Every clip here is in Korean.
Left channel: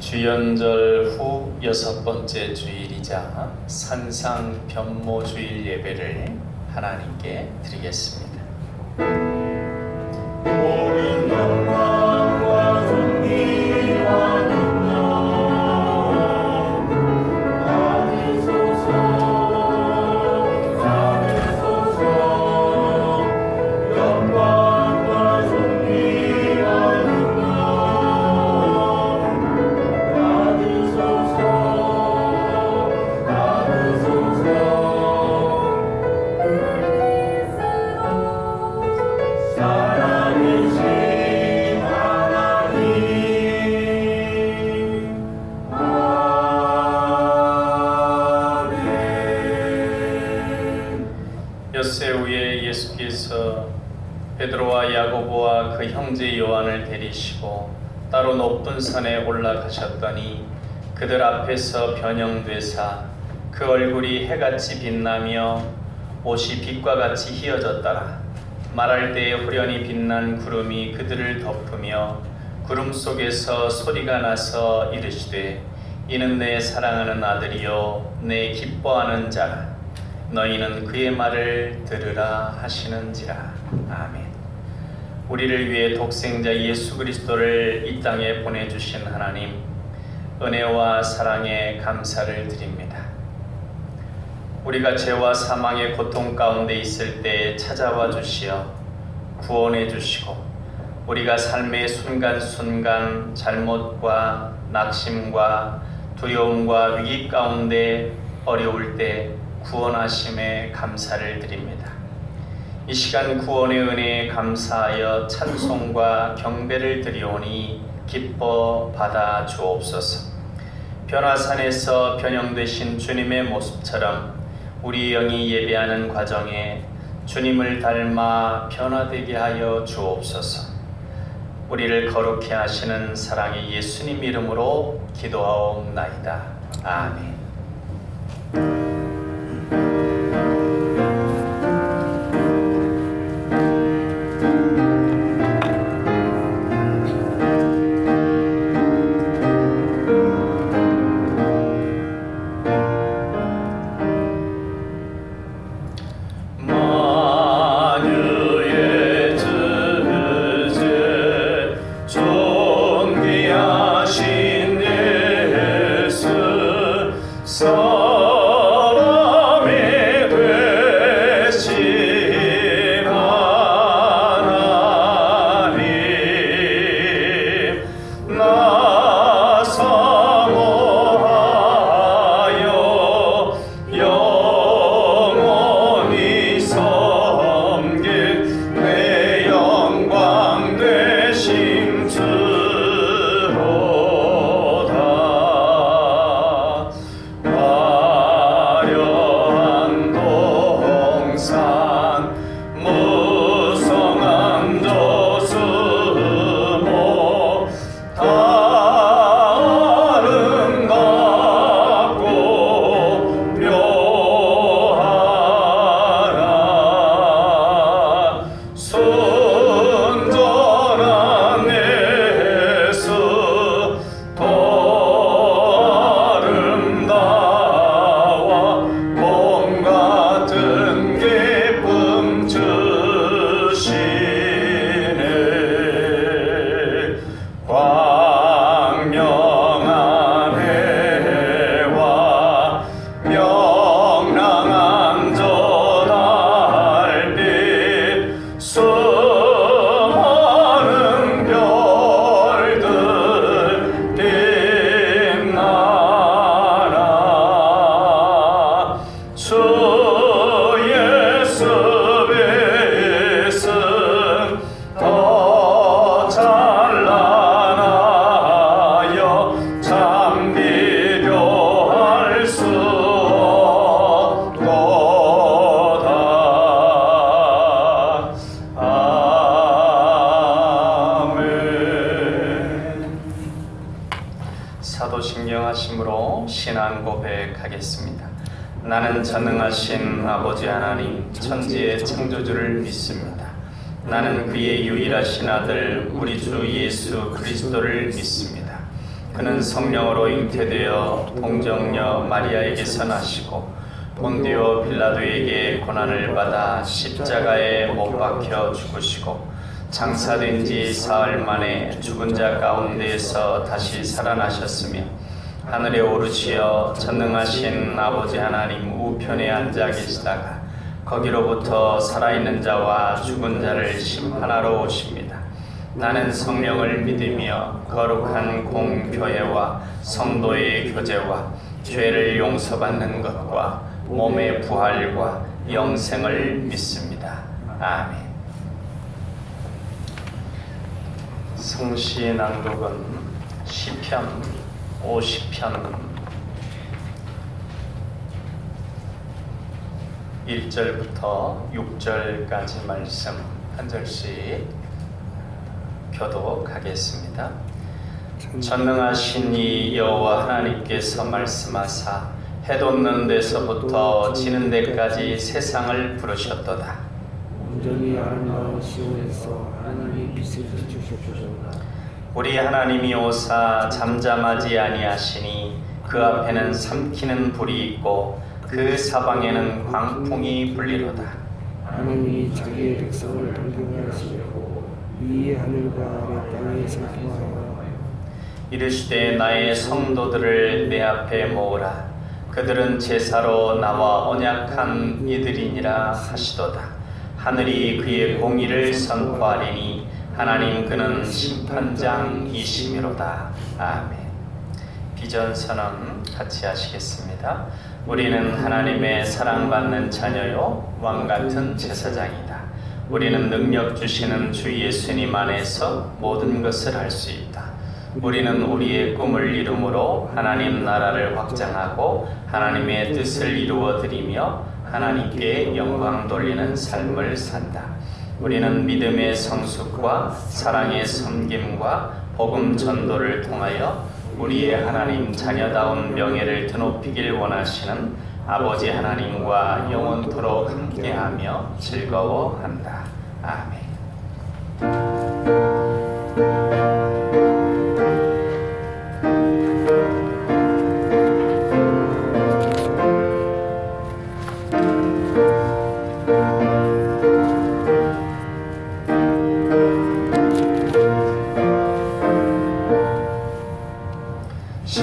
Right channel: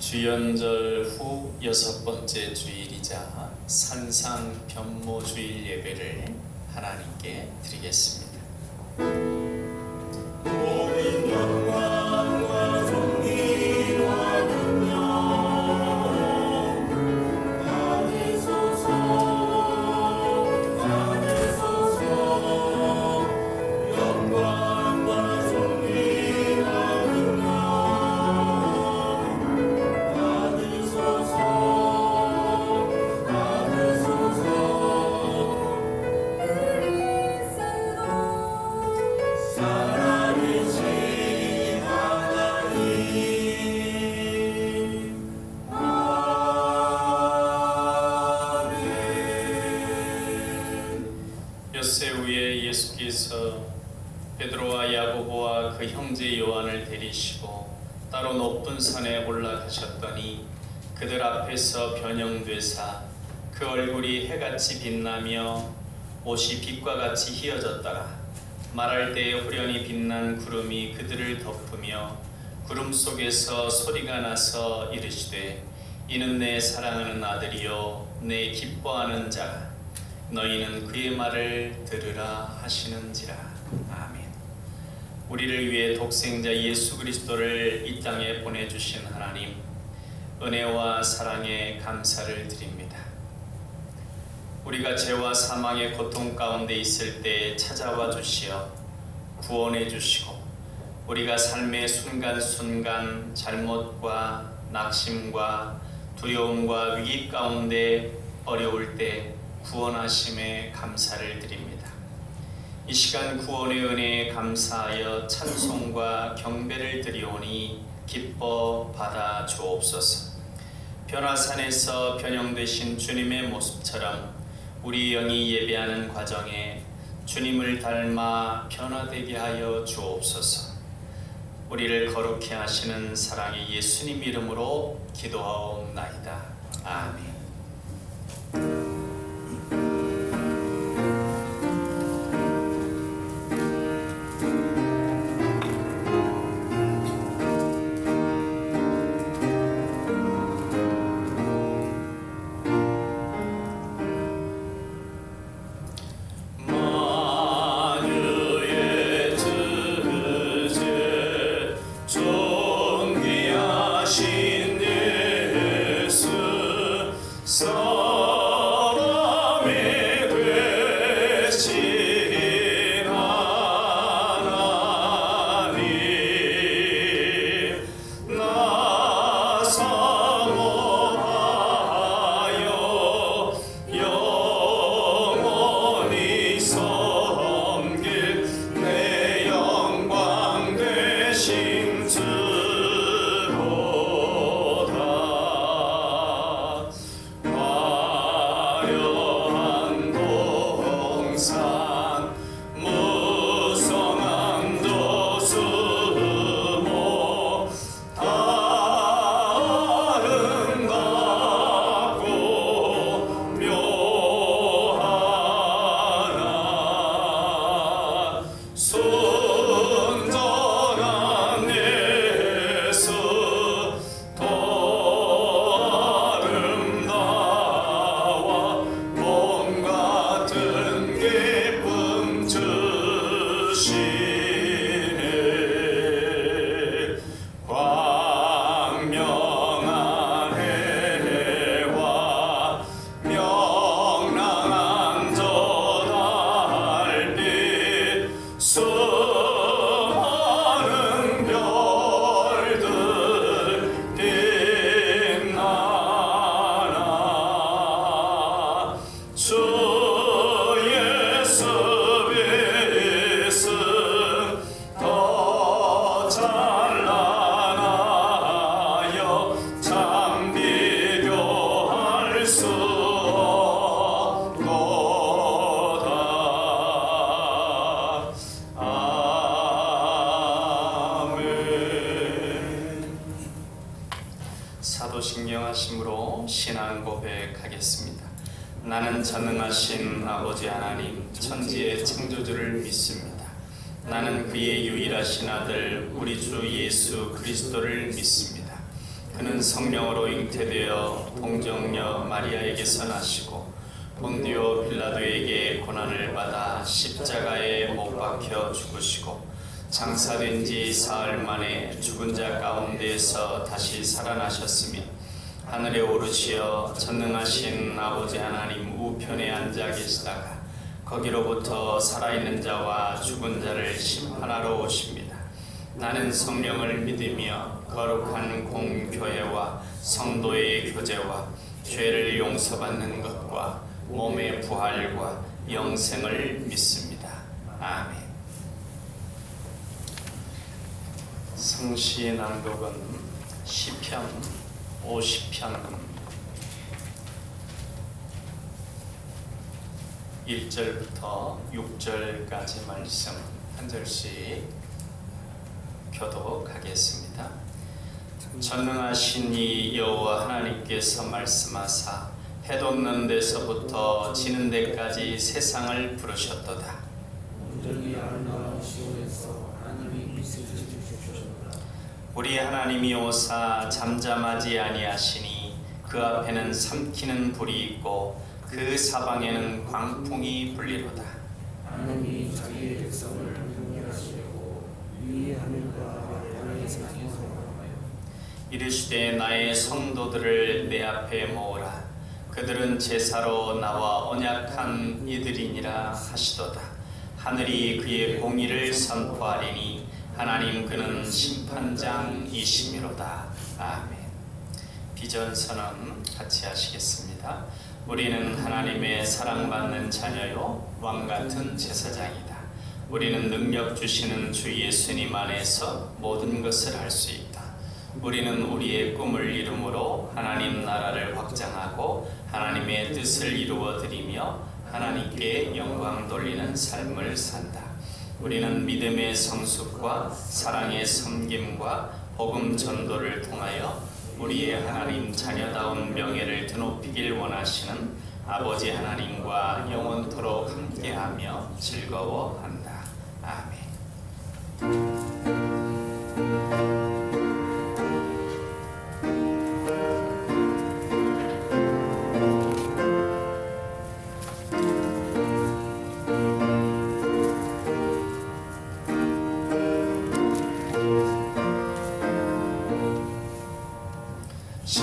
주연절 후 6번째 주일이자 산상 변모주일 예배를 하나님께 드리겠습니다. 모든 영광과 존귀와 능력 받으소서. 영광과 존귀와 능력 살아계신 하나님, 아멘. 엿새 후에 예수께서 베드로와 야고보와 그 형제 요한을 데리시고 따로 높은 산에 올라가셨더니 그들 앞에서 변형되사 그 얼굴이 해같이 빛나며 옷이 빛과 같이 휘어졌더라. 말할 때에 후련히 빛난 구름이 그들을 덮으며 구름 속에서 소리가 나서 이르시되 이는 내 사랑하는 아들이요 내 기뻐하는 자라. 너희는 그의 말을 들으라 하시는지라. 아멘. 우리를 위해 독생자 예수 그리스도를 이 땅에 보내주신 하나님, 은혜와 사랑에 감사를 드립니다. 우리가 죄와 사망의 고통 가운데 있을 때 찾아와 주시어 구원해 주시고 우리가 삶의 순간순간 잘못과 낙심과 두려움과 위기 가운데 어려울 때 구원하심에 감사를 드립니다. 이 시간 구원의 은혜에 감사하여 찬송과 경배를 드리오니 기뻐 받아 주옵소서. 변화산에서 변형되신 주님의 모습처럼 우리 영이 예배하는 과정에 주님을 닮아 변화되게 하여 주옵소서. 우리를 거룩해 하시는 사랑의 예수님 이름으로 기도하옵나이다. 아멘. 사도신경하심으로 신앙 고백하겠습니다. 나는 전능하신 아버지 하나님 천지의 창조주를 믿습니다. 나는 그의 유일하신 아들 우리 주 예수 그리스도를 믿습니다. 그는 성령으로 잉태되어 동정녀 마리아에게서 나시고 본디오 빌라도에게 고난을 받아 십자가에 못 박혀 죽으시고 장사된 지 사흘 만에 죽은 자 가운데에서 다시 살아나셨으며 하늘에 오르시어 전능하신 아버지 하나님 우편에 앉아 계시다가 거기로부터 살아있는 자와 죽은 자를 심판하러 오십니다. 나는 성령을 믿으며 거룩한 공교회와 성도의 교제와 죄를 용서받는 것과 몸의 부활과 영생을 믿습니다. 아멘. 성시 낭독은 시편 50편 1절부터 6절까지 말씀 한 절씩 교독하겠습니다. 전능하신 이 여호와 하나님께서 말씀하사 해 돋는 데서부터 지는 데까지 세상을 부르셨도다. 온전히 아름다운 시온에서 하나님의 빛을 비추셨도다. 우리 하나님이 오사 잠잠하지 아니하시니 그 앞에는 삼키는 불이 있고 그 사방에는 광풍이 불리로다. 하나님이 자기의 백성을 단결하시려고 이 하늘과 아래 땅에 상통하라. 이르시되 나의 성도들을 내 앞에 모으라. 그들은 제사로 나와 언약한 이들이니라 하시도다. 하늘이 그의 공의를 선포하리니 하나님 그는 심판장이시미로다. 아멘. 비전선언 같이 하시겠습니다. 우리는 하나님의 사랑받는 자녀요 왕같은 제사장이다. 우리는 능력 주시는 주 예수님 안에서 모든 것을 할 수 있다. 우리는 우리의 꿈을 이루므로 하나님 나라를 확장하고 하나님의 뜻을 이루어 드리며 하나님께 영광 돌리는 삶을 산다. 우리는 믿음의 성숙과 사랑의 섬김과 복음 전도를 통하여 우리의 하나님 자녀다운 명예를 드높이길 원하시는 아버지 하나님과 영원토록 함께하며 즐거워한다. 아멘. 주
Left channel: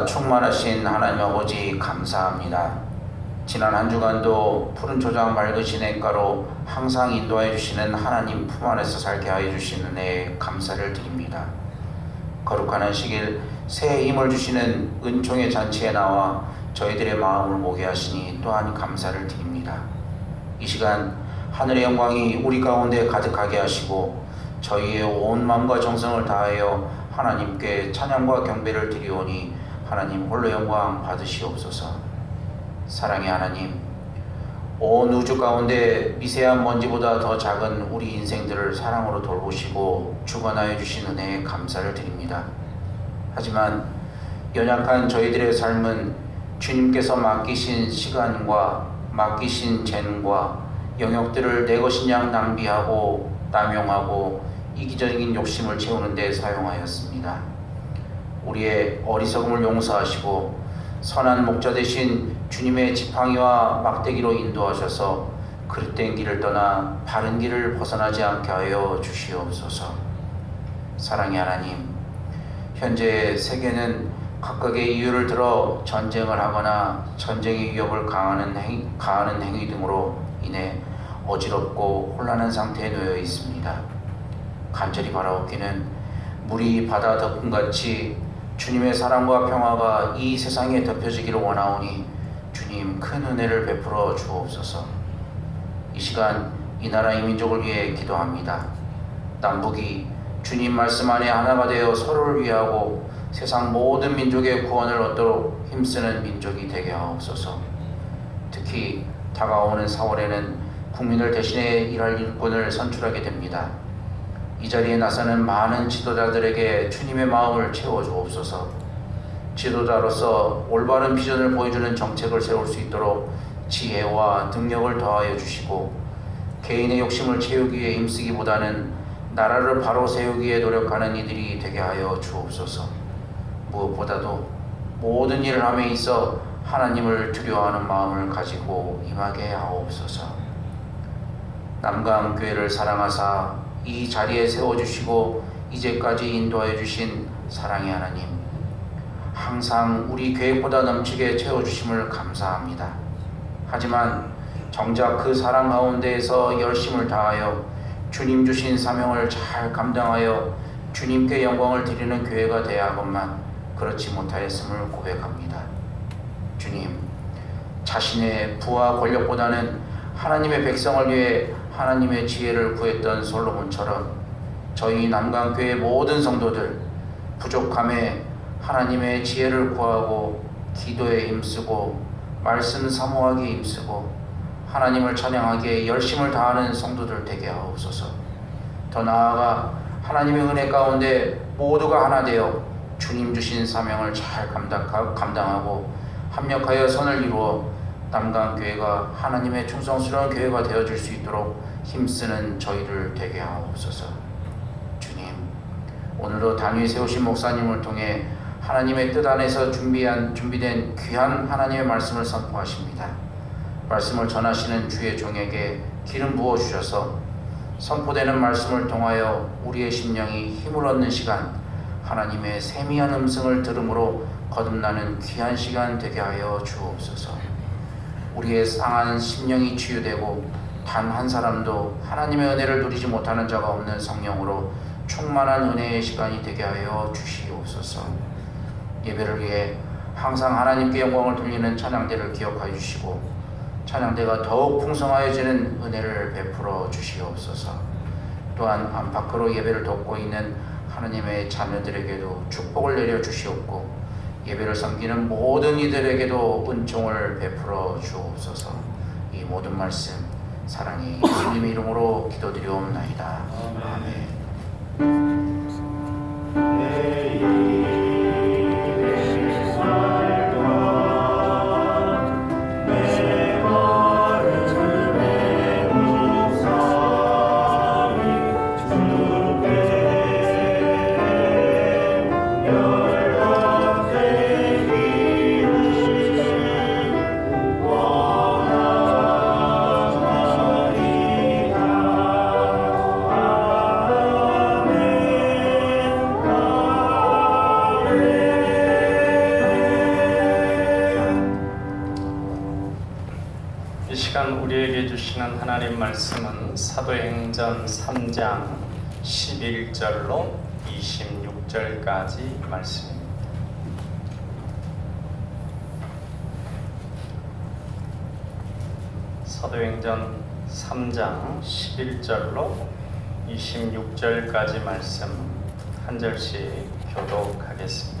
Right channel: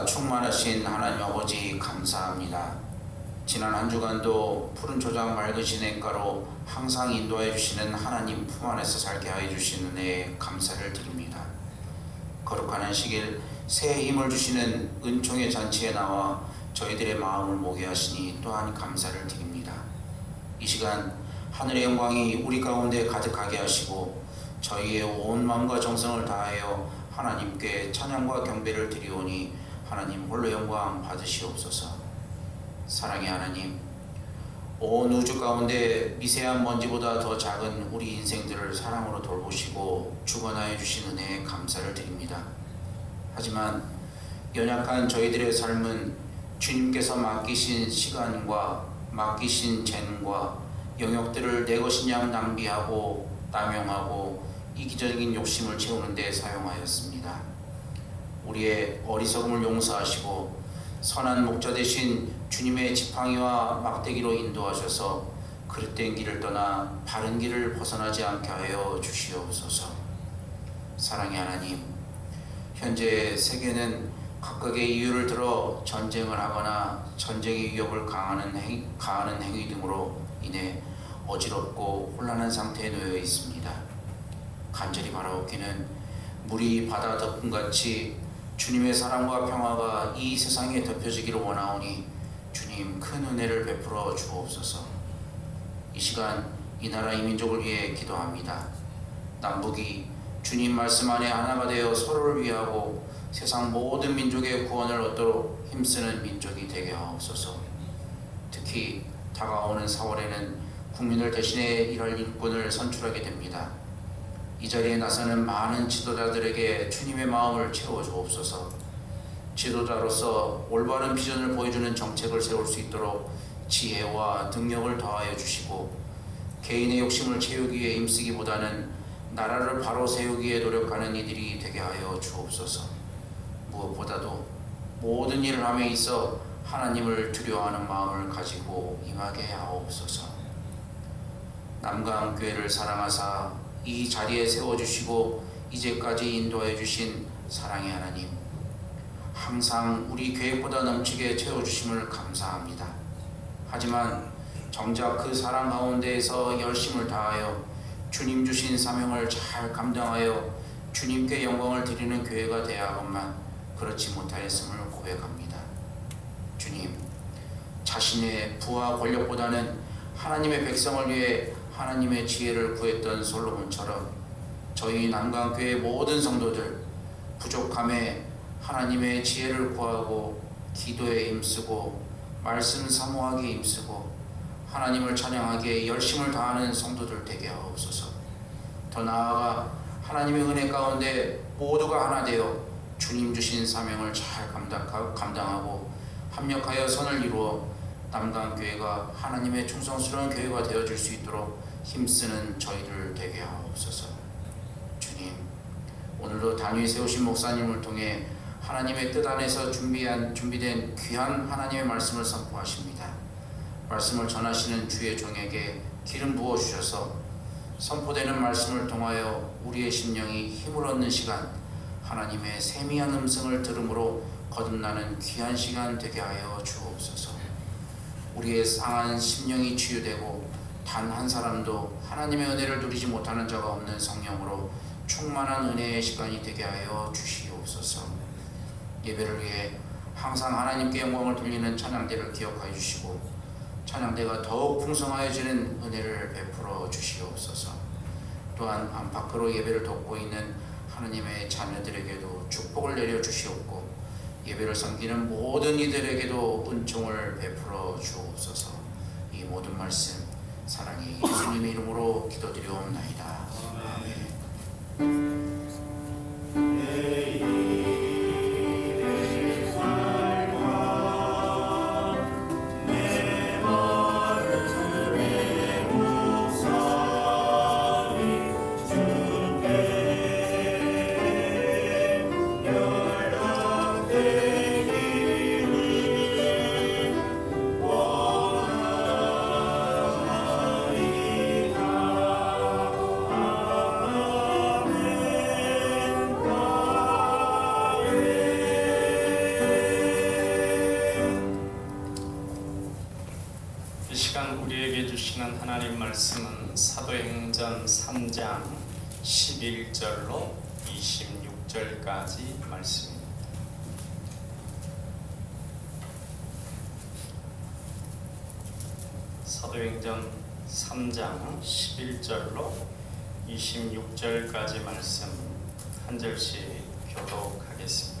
은혜가 충만하신 하나님 아버지 감사합니다. 지난 한 주간도 푸른 초장 맑으신 냇가로 항상 인도해 주시는 하나님 품 안에서 살게 하여 주신 은혜에 감사를 드립니다. 거룩한 안식일 새 힘을 주시는 은총의 잔치에 나와 저희들의 마음을 모게 하시니 또한 감사를 드립니다. 이 시간 하늘의 영광이 우리 가운데 가득하게 하시고 저희의 온 마음과 정성을 다하여 하나님께 찬양과 경배를 드리오니 하나님 홀로 영광 받으시옵소서. 사랑의 하나님, 온 우주 가운데 미세한 먼지보다 더 작은 우리 인생들을 사랑으로 돌보시고 주관하여 주신 은혜에 감사를 드립니다. 하지만 연약한 저희들의 삶은 주님께서 맡기신 시간과 맡기신 재능과 영역들을 내 것인 양 낭비하고 남용하고 이기적인 욕심을 채우는 데 사용하였습니다. 우리의 어리석음을 용서하시고 선한 목자 되신 주님의 지팡이와 막대기로 인도하셔서 그릇된 길을 떠나 바른 길을 벗어나지 않게 하여 주시옵소서. 사랑의 하나님, 현재 세계는 각각의 이유를 들어 전쟁을 하거나 전쟁의 위협을 가하는 행위 등으로 인해 어지럽고 혼란한 상태에 놓여 있습니다. 간절히 바라옵기는 물이 바다 덮음같이 주님의 사랑과 평화가 이 세상에 덮여지기를 원하오니 주님 큰 은혜를 베풀어 주옵소서. 이 시간 이 나라 이 민족을 위해 기도합니다. 남북이 주님 말씀 안에 하나가 되어 서로를 위하고 세상 모든 민족의 구원을 얻도록 힘쓰는 민족이 되게 하옵소서. 특히 다가오는 4월에는 국민을 대신해 일할 일꾼을 선출하게 됩니다. 이 자리에 나서는 많은 지도자들에게 주님의 마음을 채워주옵소서. 지도자로서 올바른 비전을 보여주는 정책을 세울 수 있도록 지혜와 능력을 더하여 주시고 개인의 욕심을 채우기 위해 힘쓰기보다는 나라를 바로 세우기에 노력하는 이들이 되게 하여 주옵소서. 무엇보다도 모든 일을 함에 있어 하나님을 두려워하는 마음을 가지고 임하게 하옵소서. 남강교회를 사랑하사 이 자리에 세워주시고 이제까지 인도하여 주신 사랑의 하나님, 항상 우리 계획보다 넘치게 채워주심을 감사합니다. 하지만 정작 그 사랑 가운데에서 열심을 다하여 주님 주신 사명을 잘 감당하여 주님께 영광을 드리는 교회가 되어야 하건만 그렇지 못하였음을 고백합니다. 주님, 자신의 부와 권력보다는 하나님의 백성을 위해 하나님의 지혜를 구했던 솔로몬처럼 저희 남강교회 모든 성도들 부족함에 하나님의 지혜를 구하고 기도에 힘쓰고 말씀 사모하기에 힘쓰고 하나님을 찬양하기에 열심을 다하는 성도들 되게 하옵소서. 더 나아가 하나님의 은혜 가운데 모두가 하나 되어 주님 주신 사명을 잘 감당하고 합력하여 선을 이루어 남강교회가 하나님의 충성스러운 교회가 되어줄 수 있도록 힘쓰는 저희를 되게 하옵소서. 주님, 오늘도 단위에 세우신 목사님을 통해 하나님의 뜻 안에서 준비된 귀한 하나님의 말씀을 선포하십니다. 말씀을 전하시는 주의 종에게 기름 부어주셔서 선포되는 말씀을 통하여 우리의 심령이 힘을 얻는 시간, 하나님의 세미한 음성을 들음으로 거듭나는 귀한 시간 되게 하여 주옵소서. 우리의 상한 심령이 치유되고 단 한 사람도 하나님의 은혜를 누리지 못하는 자가 없는 성령으로 충만한 은혜의 시간이 되게 하여 주시옵소서. 예배를 위해 항상 하나님께 영광을 돌리는 찬양대를 기억하여 주시고 찬양대가 더욱 풍성하여지는 은혜를 베풀어 주시옵소서. 또한 안팎으로 예배를 돕고 있는 하나님의 자녀들에게도 축복을 내려 주시옵고 예배를 섬기는 모든 이들에게도 은총을 베풀어 주옵소서. 이 모든 말씀 사랑의 예수님의 이름으로 기도드리옵나이다. 아멘. 이 시간 우리에게 주시는 하나님 말씀은 사도행전 3장 11절로 26절까지 말씀입니다. 사도행전 3장 11절로 26절까지 말씀 한 절씩 교독하겠습니다.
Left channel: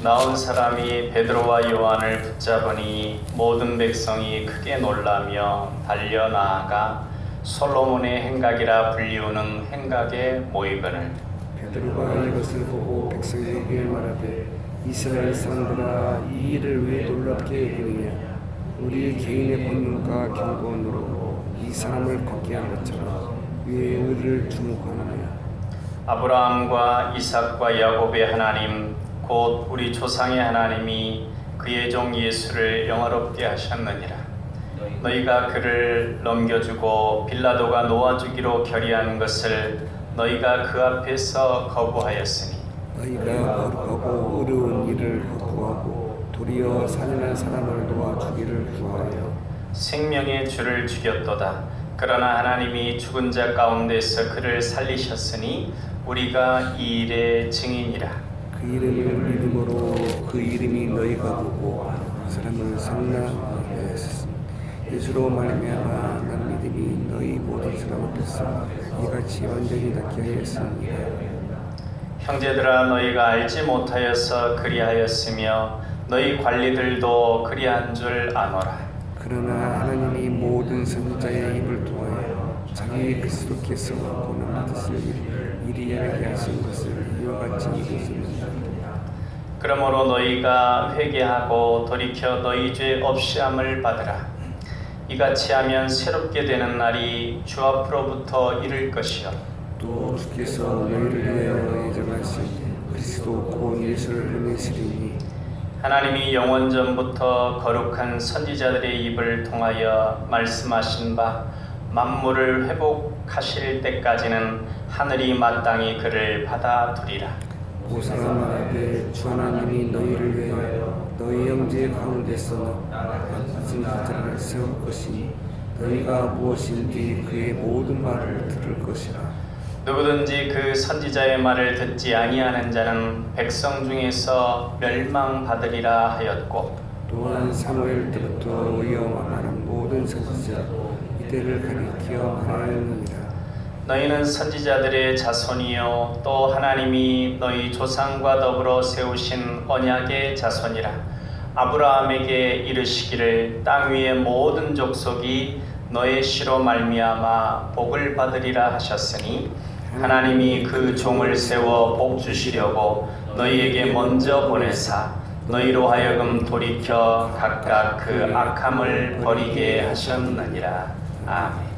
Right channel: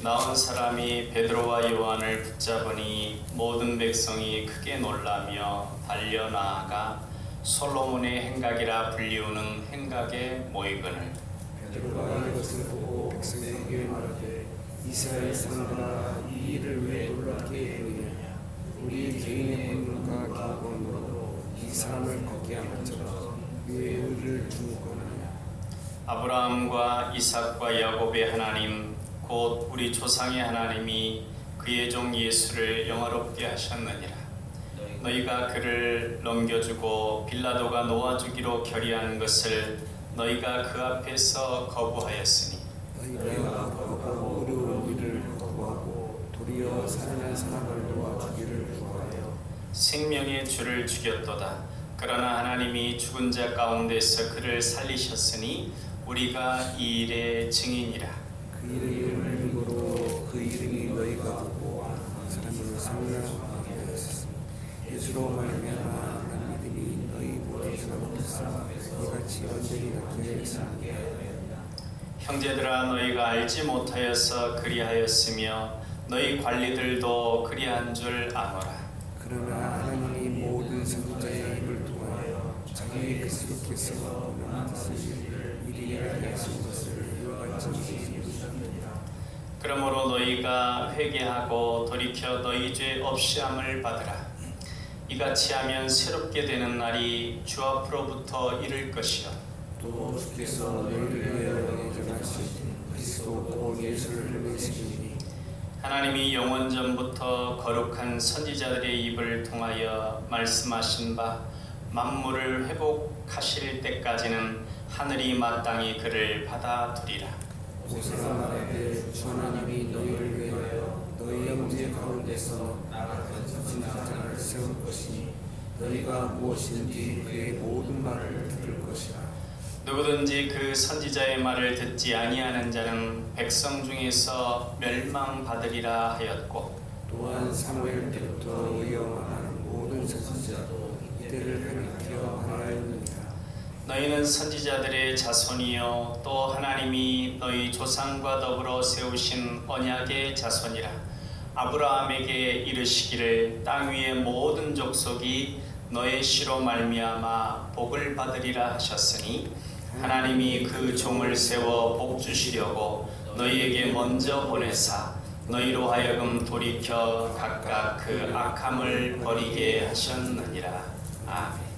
나온 사람이 베드로와 요한을 붙잡으니 모든 백성이 크게 놀라며 달려나아가 솔로몬의 행각이라 불리우는 행각에 모이거늘 베드로가 이것을 보고 백성에게 말하되 이스라엘 사람들아 이 일을 왜 놀랍게 여기느냐 우리 개인의 본능과 경건으로 이 사람을 걷게 한 것처럼 왜 의를 주목하느냐 아브라함과 이삭과 야곱의 하나님 곧 우리 조상의 하나님이 그의 종 예수를 영화롭게 하셨느니라. 너희가 그를 넘겨주고 빌라도가 놓아주기로 결의한 것을 너희가 그 앞에서 거부하였으니 너희가 거룩하고 어려운 일을 거부하고 도리어 산인한 사람을 놓아주기를 구하여 생명의 주를 죽였도다. 그러나 하나님이 죽은 자 가운데서 그를 살리셨으니 우리가 이 일의 증인이라. 그 이름을 믿음으로 그 이름이 너희가 보고 사람을 상나하게 하셨으니 예수로 말미암아 난 믿음이 너희 모든 사람 앞에서 이같이 완전히 낫게 하였습니다. 형제들아 너희가 알지 못하여서 그리하였으며 너희 관리들도 그리한 줄 아노라. 그러나 하나님이 모든 선지자의 입을 통하여 자기 그리스도께서 보는 뜻을 이리하게 하신 것을 이와 같이 이루었습니다. 그러므로 너희가 회개하고 돌이켜 너희 죄 없이함을 받으라. 이같이 하면 새롭게 되는 날이 주 앞으로부터 이를 것이요 또 주께서 너희를 위하여 예정하신 그리스도 곧 예수를 보내시리니 하나님이 영원 전부터 거룩한 선지자들의 입을 통하여 말씀하신 바 만물을 회복하실 때까지는 하늘이 마땅히 그를 받아두리라. 오 사람 말하되 주 하나님이 너희를 위하여 너희 형제 가운데서 같은 자를 세울 것이니 너희가 무엇인지 그의 모든 말을 들을 것이라. 누구든지 그 선지자의 말을 듣지 아니하는 자는 백성 중에서 멸망받으리라 하였고 또한 사무엘 때부터 이어나가는 모든 선지자 이들을 가리켜 말하느니라. 너희는 선지자들의 자손이요 또 하나님이 너희 조상과 더불어 세우신 언약의 자손이라. 아브라함에게 이르시기를 땅 위의 모든 족속이 너의 씨로 말미암아 복을 받으리라 하셨으니 하나님이 그 종을 세워 복 주시려고 너희에게 먼저 보내사 너희로 하여금 돌이켜 각각 그 악함을 버리게 하셨느니라. 아멘.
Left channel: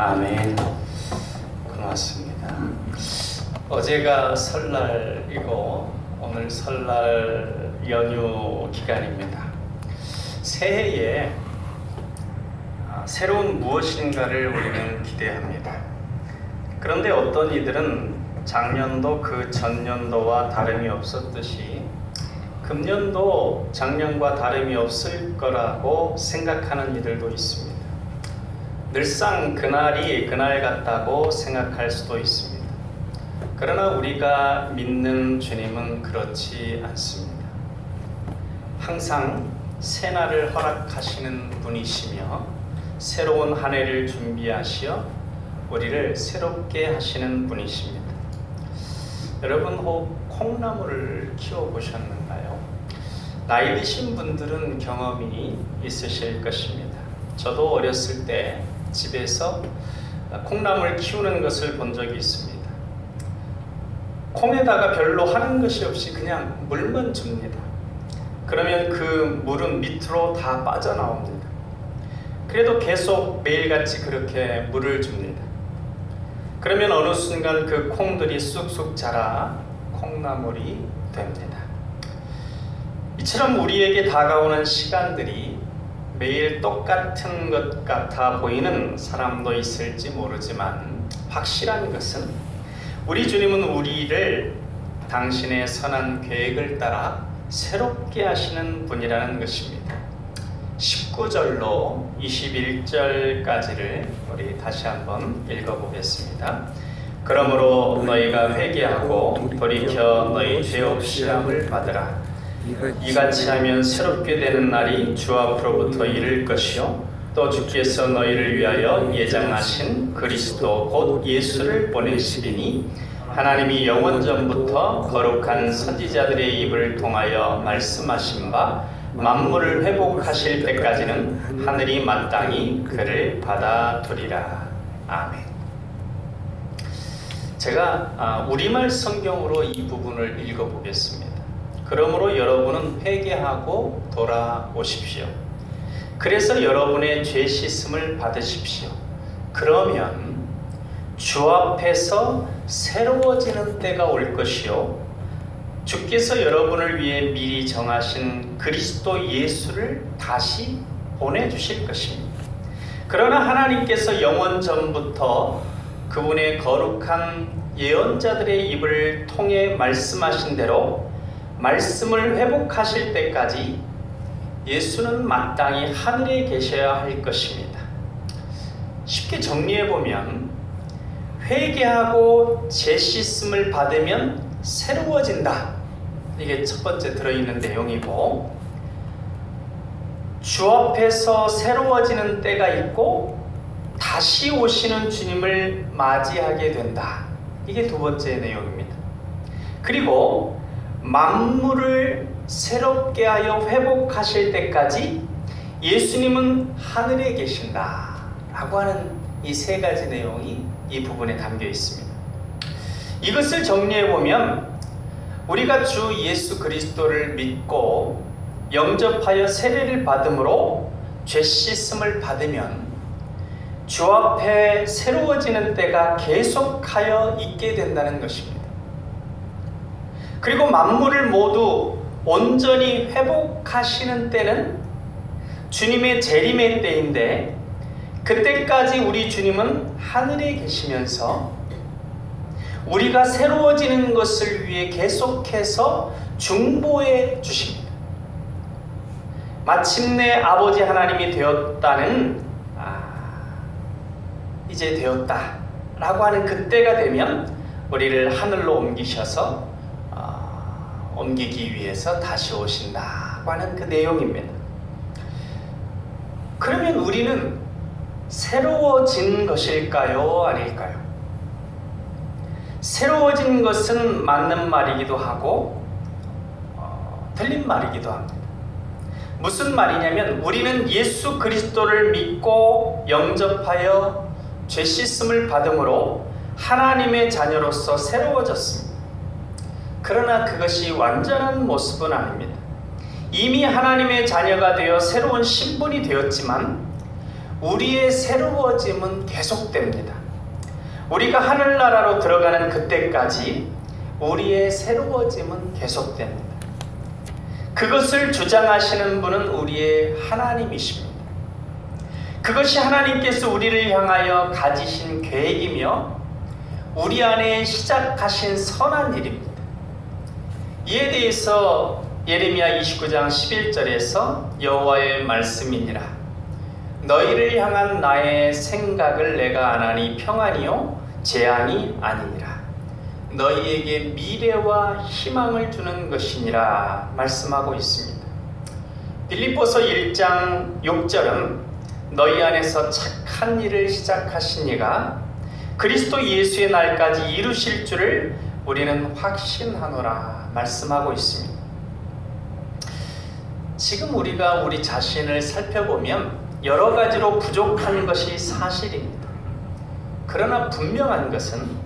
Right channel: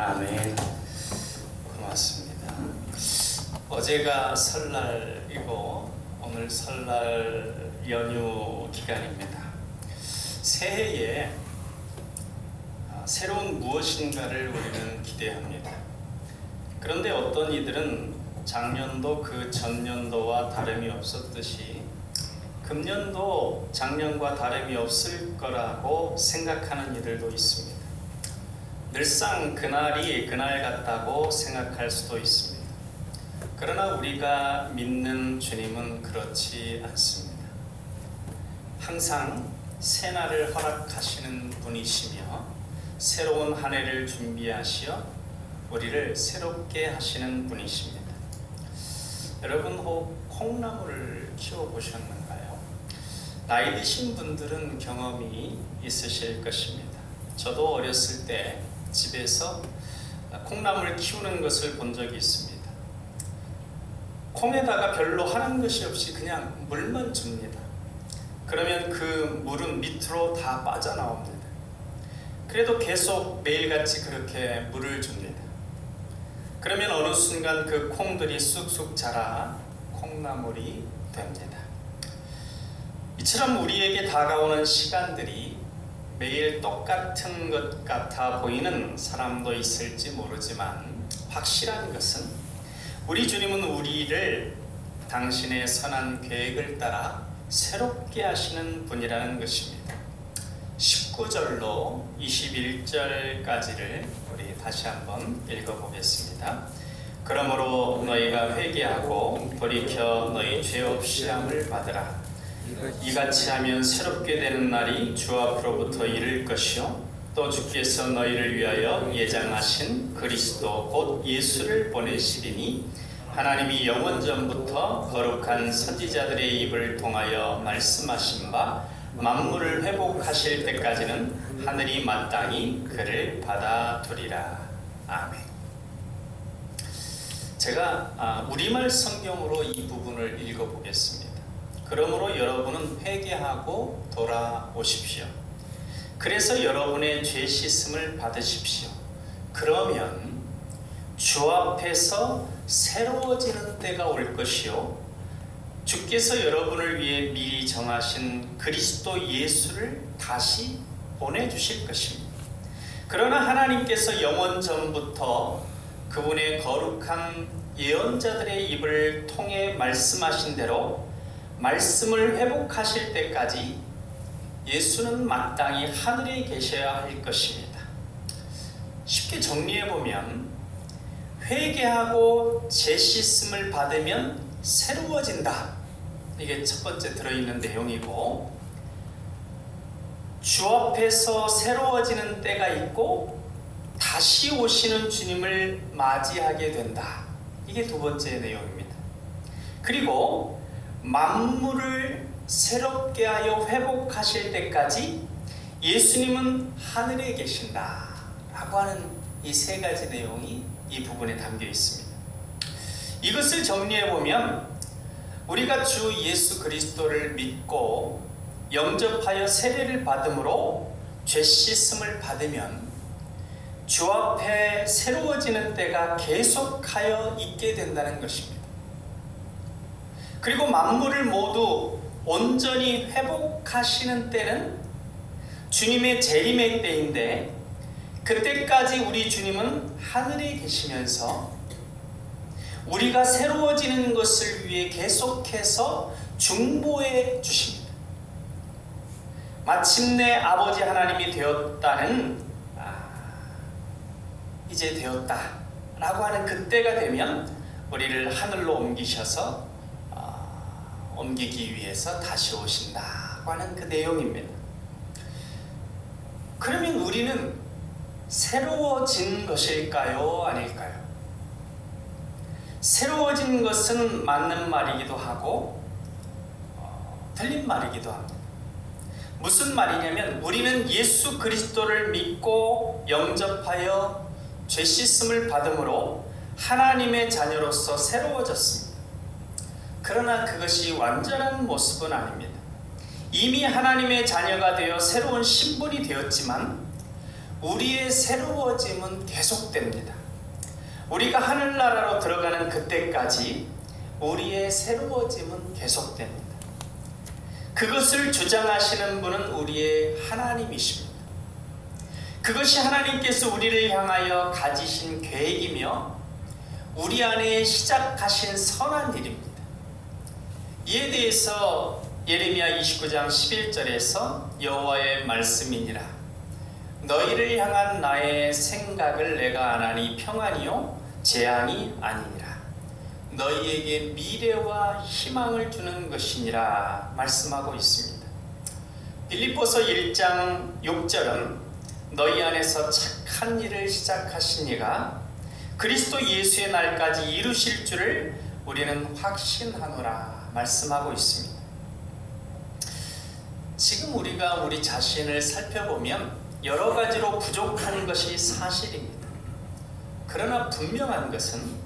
아멘. 고맙습니다. 어제가 설날이고 오늘 설날 연휴 기간입니다. 새해에 새로운 무엇인가를 우리는 기대합니다. 그런데 어떤 이들은 작년도 그 전년도와 다름이 없었듯이 금년도 작년과 다름이 없을 거라고 생각하는 이들도 있습니다. 늘상 그날이 그날 같다고 생각할 수도 있습니다. 그러나 우리가 믿는 주님은 그렇지 않습니다. 항상 새날을 허락하시는 분이시며 새로운 한 해를 준비하시어 우리를 새롭게 하시는 분이십니다. 여러분 혹 콩나물을 키워보셨는가요? 나이 드신 분들은 경험이 있으실 것입니다. 저도 어렸을 때 집에서 콩나물 키우는 것을 본 적이 있습니다. 콩에다가 별로 하는 것이 없이 그냥 물만 줍니다. 그러면 그 물은 밑으로 다 빠져나옵니다. 그래도 계속 매일같이 그렇게 물을 줍니다. 그러면 어느 순간 그 콩들이 쑥쑥 자라 콩나물이 됩니다. 이처럼 우리에게 다가오는 시간들이 매일 똑같은 것 같아 보이는 사람도 있을지 모르지만 확실한 것은 우리 주님은 우리를 당신의 선한 계획을 따라 새롭게 하시는 분이라는 것입니다. 19절로 21절까지를 우리 다시 한번 읽어보겠습니다. 그러므로 너희가 회개하고 돌이켜 너희 죄 없이 함을 받으라. 이같이 하면 새롭게 되는 날이 주 앞으로부터 이를 것이요 또 주께서 너희를 위하여 예정하신 그리스도 곧 예수를 보내시리니 하나님이 영원전부터 거룩한 선지자들의 입을 통하여 말씀하신 바 만물을 회복하실 때까지는 하늘이 마땅히 그를 받아두리라. 아멘. 제가 우리말 성경으로 이 부분을 읽어보겠습니다. 그러므로 여러분은 회개하고 돌아오십시오. 그래서 여러분의 죄 씻음을 받으십시오. 그러면 주 앞에서 새로워지는 때가 올 것이요 주께서 여러분을 위해 미리 정하신 그리스도 예수를 다시 보내주실 것입니다. 그러나 하나님께서 영원 전부터 그분의 거룩한 예언자들의 입을 통해 말씀하신 대로 말씀을 회복하실 때까지 예수는 마땅히 하늘에 계셔야 할 것입니다. 쉽게 정리해보면 회개하고 죄 씻음을 받으면 새로워진다. 이게 첫 번째 들어있는 내용이고, 주 앞에서 새로워지는 때가 있고 다시 오시는 주님을 맞이하게 된다. 이게 두 번째 내용입니다. 그리고 만물을 새롭게 하여 회복하실 때까지 예수님은 하늘에 계신다 라고 하는 이 세 가지 내용이 이 부분에 담겨 있습니다. 이것을 정리해보면 우리가 주 예수 그리스도를 믿고 영접하여 세례를 받음으로 죄 씻음을 받으면 주 앞에 새로워지는 때가 계속하여 있게 된다는 것입니다. 그리고 만물을 모두 온전히 회복하시는 때는 주님의 재림의 때인데, 그때까지 우리 주님은 하늘에 계시면서 우리가 새로워지는 것을 위해 계속해서 중보해 주십니다. 마침내 아버지 하나님이 되었다는, 이제 되었다 라고 하는 그때가 되면 우리를 하늘로 옮기셔서 옮기기 위해서 다시 오신다고 하는 그 내용입니다. 그러면 우리는 새로워진 것일까요? 아닐까요? 새로워진 것은 맞는 말이기도 하고 틀린 말이기도 합니다. 무슨 말이냐면, 우리는 예수 그리스도를 믿고 영접하여 죄 씻음을 받음으로 하나님의 자녀로서 새로워졌습니다. 그러나 그것이 완전한 모습은 아닙니다. 이미 하나님의 자녀가 되어 새로운 신분이 되었지만 우리의 새로워짐은 계속됩니다. 우리가 하늘나라로 들어가는 그때까지 우리의 새로워짐은 계속됩니다. 그것을 주장하시는 분은 우리의 하나님이십니다. 그것이 하나님께서 우리를 향하여 가지신 계획이며 우리 안에 시작하신 선한 일입니다. 이에 대해서 예레미야 29장 11절에서 여호와의 말씀이니라 너희를 향한 나의 생각을 내가 아나니 평안이요 재앙이 아니니라 너희에게 미래와 희망을 주는 것이니라 말씀하고 있습니다. 빌립보서 1장 6절은 너희 안에서 착한 일을 시작하신 이가 그리스도 예수의 날까지 이루실 줄을 우리는 확신하노라 말씀하고 있습니다. 지금 우리가 우리 자신을 살펴보면 여러 가지로 부족한 것이 사실입니다. 그러나 분명한 것은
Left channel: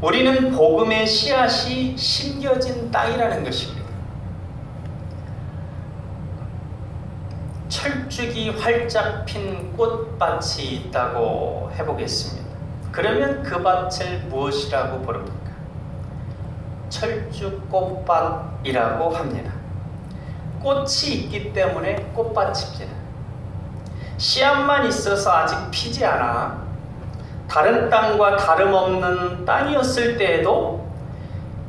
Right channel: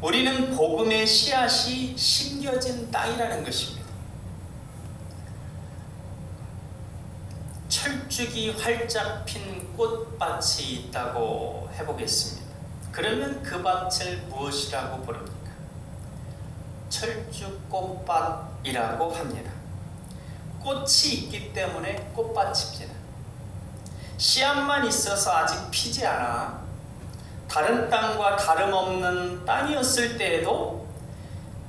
우리는 복음의 씨앗이 심겨진 땅이라는 것입니다. 철쭉이 활짝 핀 꽃밭이 있다고 해보겠습니다. 그러면 그 밭을 무엇이라고 부릅니까? 철쭉꽃밭이라고 합니다. 꽃이 있기 때문에 꽃밭입니다. 씨앗만 있어서 아직 피지 않아 다른 땅과 다름없는 땅이었을 때에도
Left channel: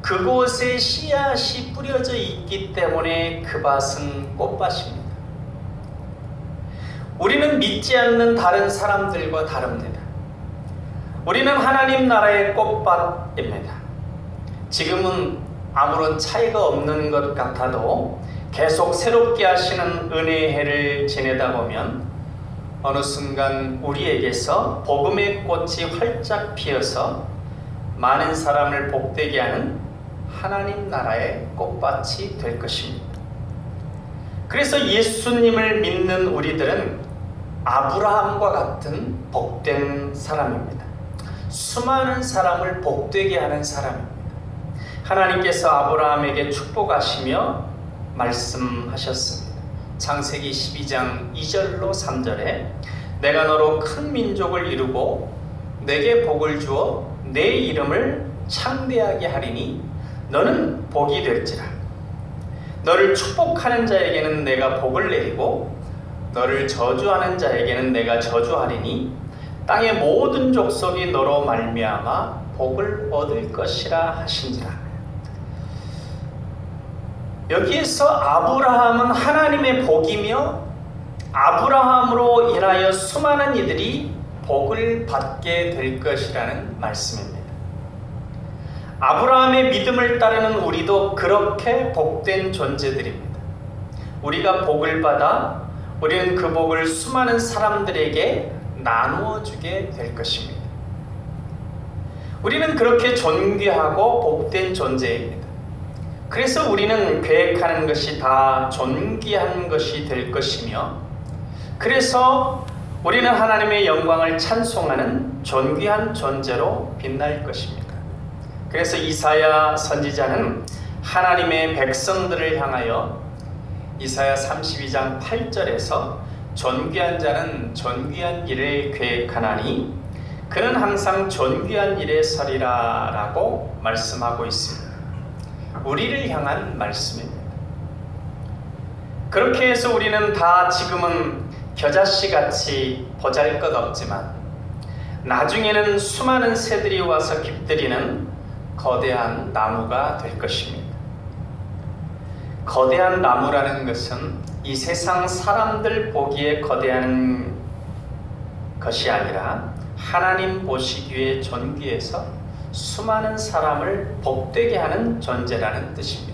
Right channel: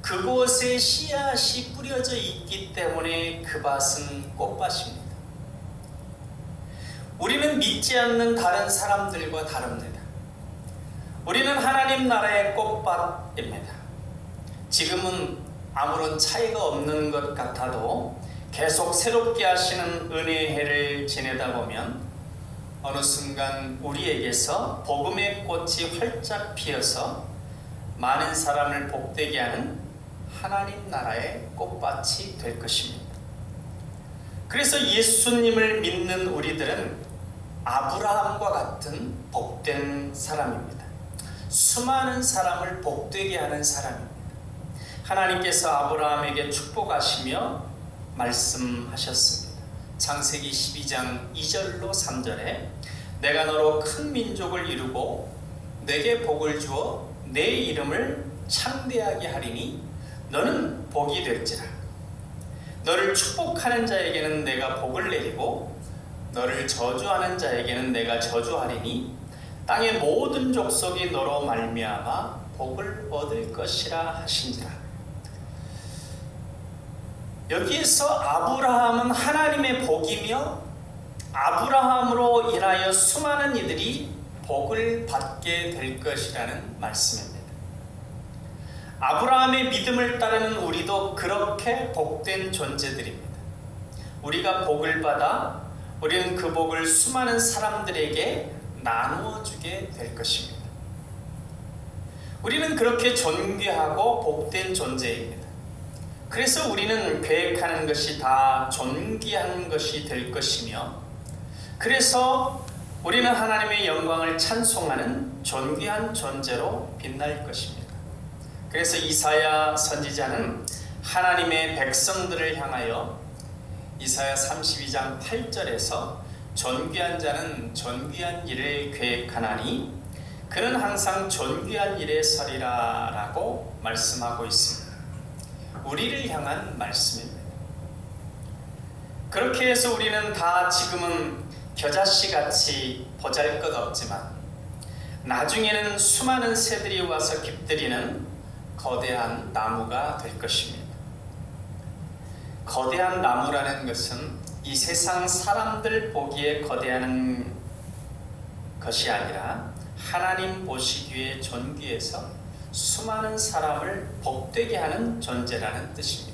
그곳에 씨앗이 뿌려져 있기 때문에 그 밭은 꽃밭입니다. 우리는 믿지 않는 다른 사람들과 다릅니다. 우리는 하나님 나라의 꽃밭입니다. 지금은 아무런 차이가 없는 것 같아도 계속 새롭게 하시는 은혜의 해를 지내다 보면 어느 순간 우리에게서 복음의 꽃이 활짝 피어서 많은 사람을 복되게 하는 하나님 나라의 꽃밭이 될 것입니다. 그래서 예수님을 믿는 우리들은 아브라함과 같은 복된 사람입니다. 수많은 사람을 복되게 하는 사람입니다. 하나님께서 아브라함에게 축복하시며 말씀하셨습니다. 창세기 12장 2절로 3절에 내가 너로 큰 민족을 이루고 내게 복을 주어 내 이름을 창대하게 하리니 너는 복이 될지라. 너를 축복하는 자에게는 내가 복을 내리고 너를 저주하는 자에게는 내가 저주하리니 땅의 모든 족속이 너로 말미암아 복을 얻을 것이라 하신지라. 여기에서 아브라함은 하나님의 복이며 아브라함으로 인하여 수많은 이들이 복을 받게 될 것이라는 말씀입니다. 아브라함의 믿음을 따르는 우리도 그렇게 복된 존재들입니다. 우리가 복을 받아 우리는 그 복을 수많은 사람들에게 나누어 주게 될 것입니다. 우리는 그렇게 존귀하고 복된 존재입니다. 그래서 우리는 계획하는 것이 다 존귀한 것이 될 것이며 그래서 우리는 하나님의 영광을 찬송하는 존귀한 존재로 빛날 것입니다. 그래서 이사야 선지자는 하나님의 백성들을 향하여 이사야 32장 8절에서 존귀한 자는 존귀한 일을 계획하나니 그는 항상 존귀한 일에 서리라 라고 말씀하고 있습니다. 우리를 향한 말씀입니다. 그렇게 해서 우리는 다 지금은 겨자씨같이 보잘것없지만 나중에는 수많은 새들이 와서 깃들이는 거대한 나무가 될 것입니다. 거대한 나무라는 것은 이 세상 사람들 보기에 거대한 것이 아니라 하나님 보시기에 존귀해서 수많은 사람을 복되게 하는 존재라는 뜻입니다.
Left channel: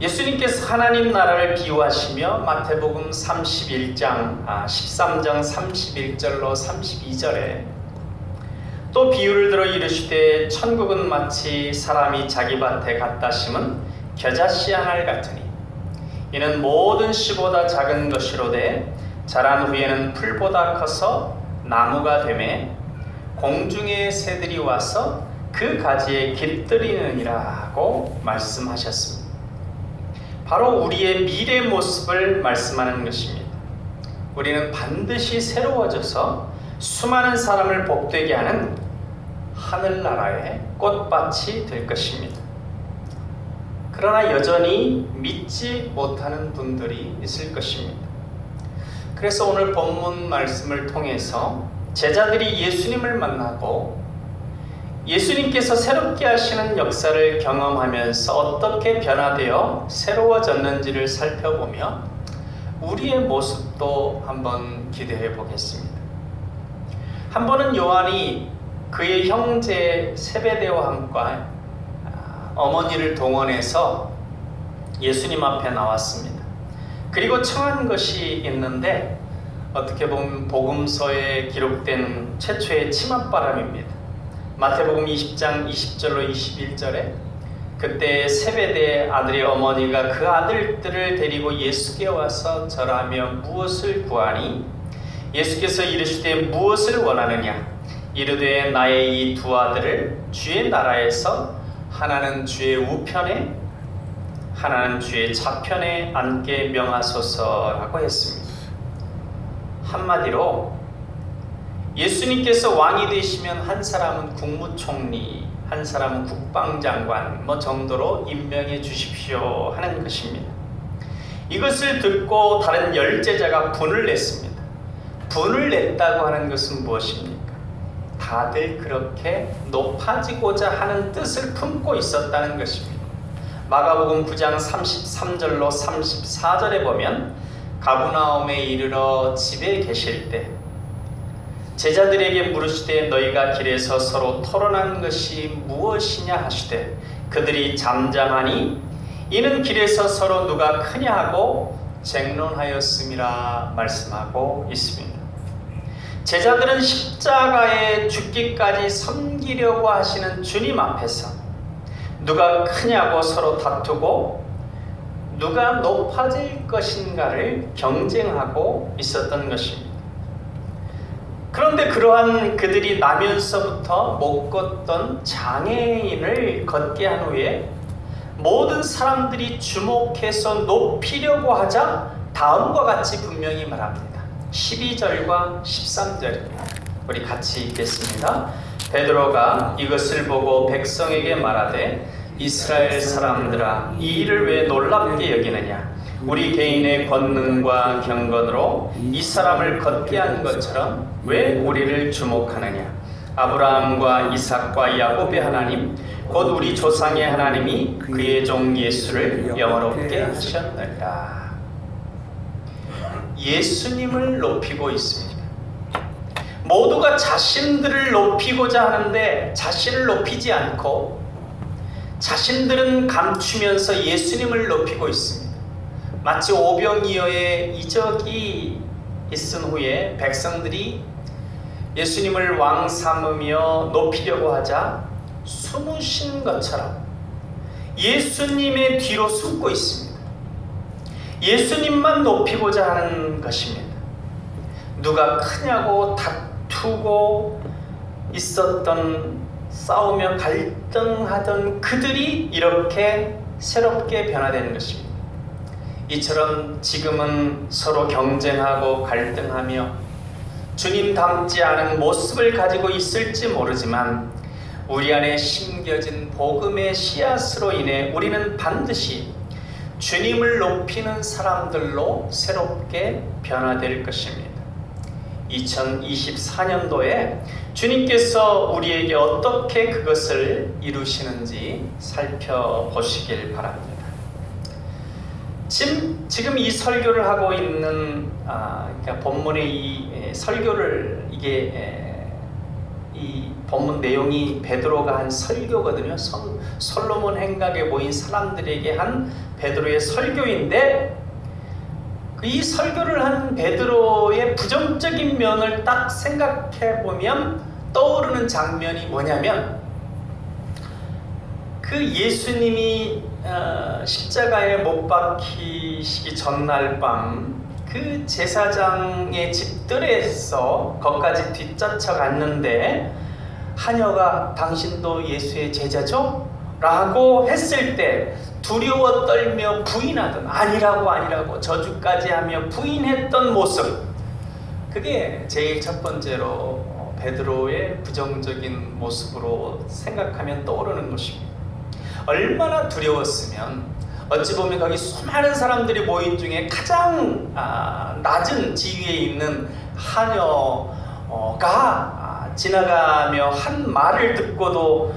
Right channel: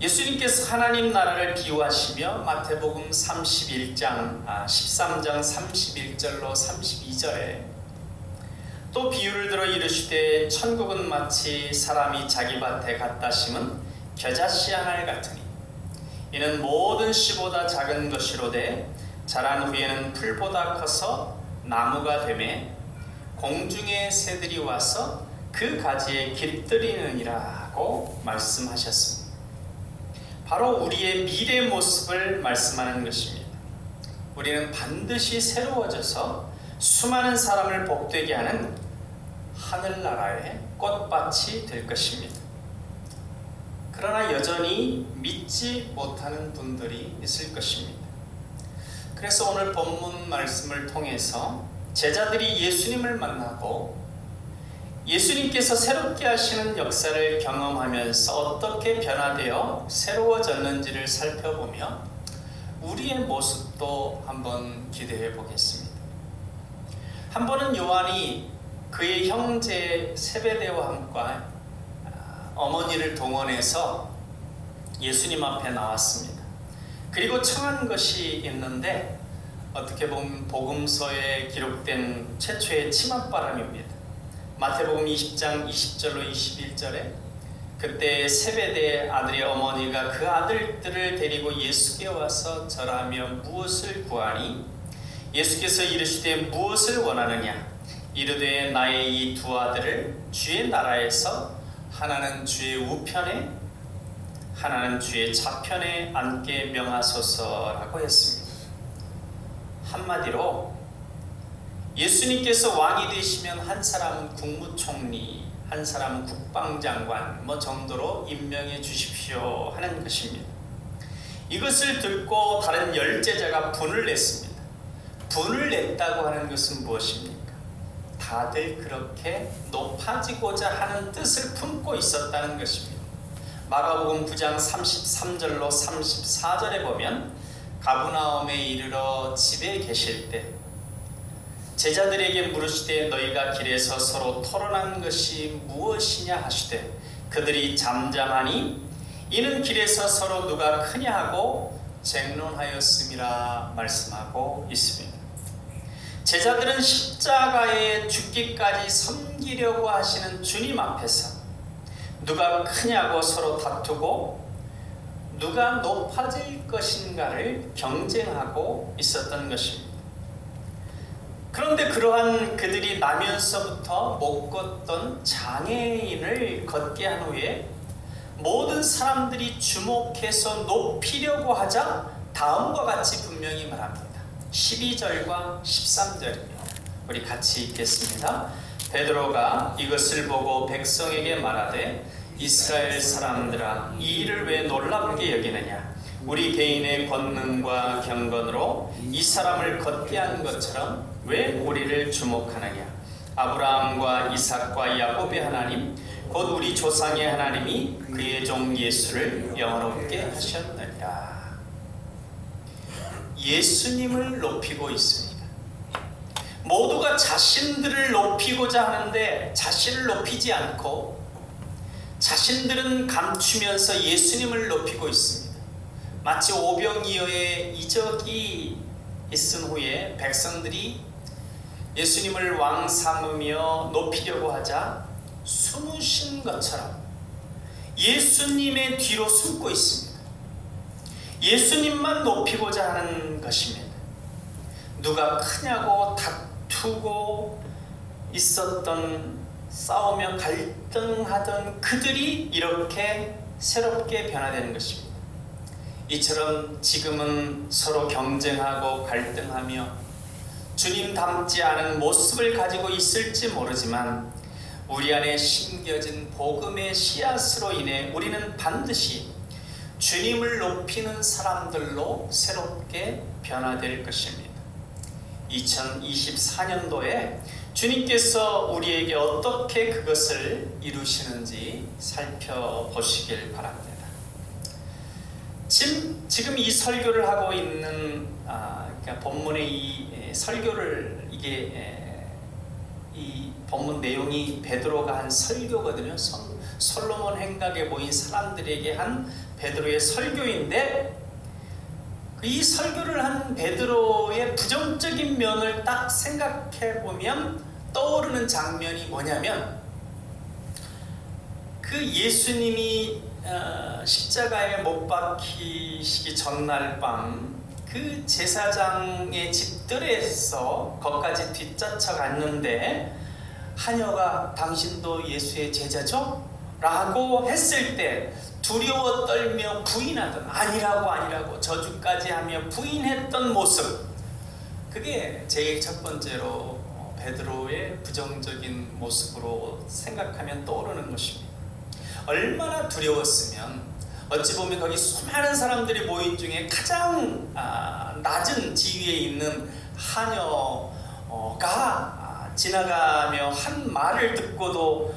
예수님께서 하나님 나라를 비유하시며 마태복음 13장 31절로 32절에 또 비유를 들어 이르시되 천국은 마치 사람이 자기 밭에 갖다 심은 겨자씨 한 알 같으니 이는 모든 씨보다 작은 것이로되 자란 후에는 풀보다 커서 나무가 되매 공중의 새들이 와서 그 가지에 깃들이느니라고 말씀하셨습니다. 바로 우리의 미래 모습을 말씀하는 것입니다. 우리는 반드시 새로워져서 수많은 사람을 복되게 하는 하늘나라의 꽃밭이 될 것입니다. 그러나 여전히 믿지 못하는 분들이 있을 것입니다. 그래서 오늘 본문 말씀을 통해서 제자들이 예수님을 만나고 예수님께서 새롭게 하시는 역사를 경험하면서 어떻게 변화되어 새로워졌는지를 살펴보며 우리의 모습도 한번 기대해 보겠습니다. 한 번은 요한이 그의 형제 세베대와 함께 어머니를 동원해서 예수님 앞에 나왔습니다. 그리고 청한 것이 있는데 어떻게 보면 복음서에 기록된 최초의 치맛바람입니다. 마태복음 20장 20절로 21절에 그때 세베대 아들의 어머니가 그 아들들을 데리고 예수께 와서 절하며 무엇을 구하니 예수께서 이르시되 무엇을 원하느냐 이르되 나의 이 두 아들을 주의 나라에서 하나는 주의 우편에 하나는 주의 좌편에 앉게 명하소서라고 했습니다. 한마디로 예수님께서 왕이 되시면 한 사람은 국무총리, 한 사람은 국방장관 정도로 임명해 주십시오 하는 것입니다. 이것을 듣고 다른 열제자가 분을 냈습니다. 분을 냈다고 하는 것은 무엇입니까? 다들 그렇게 높아지고자 하는 뜻을 품고 있었다는 것입니다. 마가복음 9장 33절로 34절에 보면 가브나움에 이르러 집에 계실 때 제자들에게 물으시되 너희가 길에서 서로 토론한 것이 무엇이냐 하시되 그들이 잠잠하니 이는 길에서 서로 누가 크냐 하고 쟁론하였음이라 말씀하고 있습니다. 제자들은 십자가에 죽기까지 섬기려고 하시는 주님 앞에서 누가 크냐고 서로 다투고 누가 높아질 것인가를 경쟁하고 있었던 것입니다. 그런데 그러한 그들이 나면서부터 못 걷던 장애인을 걷게 한 후에 모든 사람들이 주목해서 높이려고 하자 다음과 같이 분명히 말합니다. 12절과 13절입니다. 우리 같이 읽겠습니다. 베드로가 이것을 보고 백성에게 말하되 이스라엘 사람들아 이 일을 왜 놀랍게 여기느냐 우리 개인의 권능과 경건으로 이 사람을 걷게 한 것처럼 왜 우리를 주목하느냐 아브라함과 이삭과 야곱의 하나님 곧 우리 조상의 하나님이 그의 종 예수를 영원롭게 하셨느니라. 예수님을 높이고 있습니다. 모두가 자신들을 높이고자 하는데 자신을 높이지 않고 자신들은 감추면서 예수님을 높이고 있습니다. 마치 오병이어의 이적이 있은 후에 백성들이 예수님을 왕 삼으며 높이려고 하자 숨으신 것처럼 예수님의 뒤로 숨고 있습니다. 예수님만 높이고자 하는 것입니다. 누가 크냐고 다투고 있었던 싸우며 갈등하던 그들이 이렇게 새롭게 변화되는 것입니다. 이처럼 지금은 서로 경쟁하고 갈등하며 주님 닮지 않은 모습을 가지고 있을지 모르지만 우리 안에 심겨진 복음의 씨앗으로 인해 우리는 반드시 주님을 높이는 사람들로 새롭게 변화될 것입니다. 2024년도에 주님께서 우리에게 어떻게 그것을 이루시는지 살펴보시길 바랍니다. 지금 이 설교를 하고 있는 그러니까 본문의 이 설교를 이 본문 내용이 베드로가 한 설교거든요. 솔로몬 행각에 모인 사람들에게 한 베드로의 설교인데 이 설교를 한 베드로의 부정적인 면을 딱 생각해 보면 떠오르는 장면이 뭐냐면 그 예수님이 십자가에 못 박히시기 전날 밤 그 제사장의 집들에서 거기까지 뒷쫓아갔는데 하녀가 당신도 예수의 제자죠? 라고 했을 때 두려워 떨며 부인하던 아니라고 저주까지 하며 부인했던 모습 그게 제일 첫 번째로 베드로의 부정적인 모습으로 생각하면 떠오르는 것입니다. 얼마나 두려웠으면 어찌 보면 거기 수많은 사람들이 모인 중에 가장 낮은 지위에 있는 하녀가 지나가며 한 말을 듣고도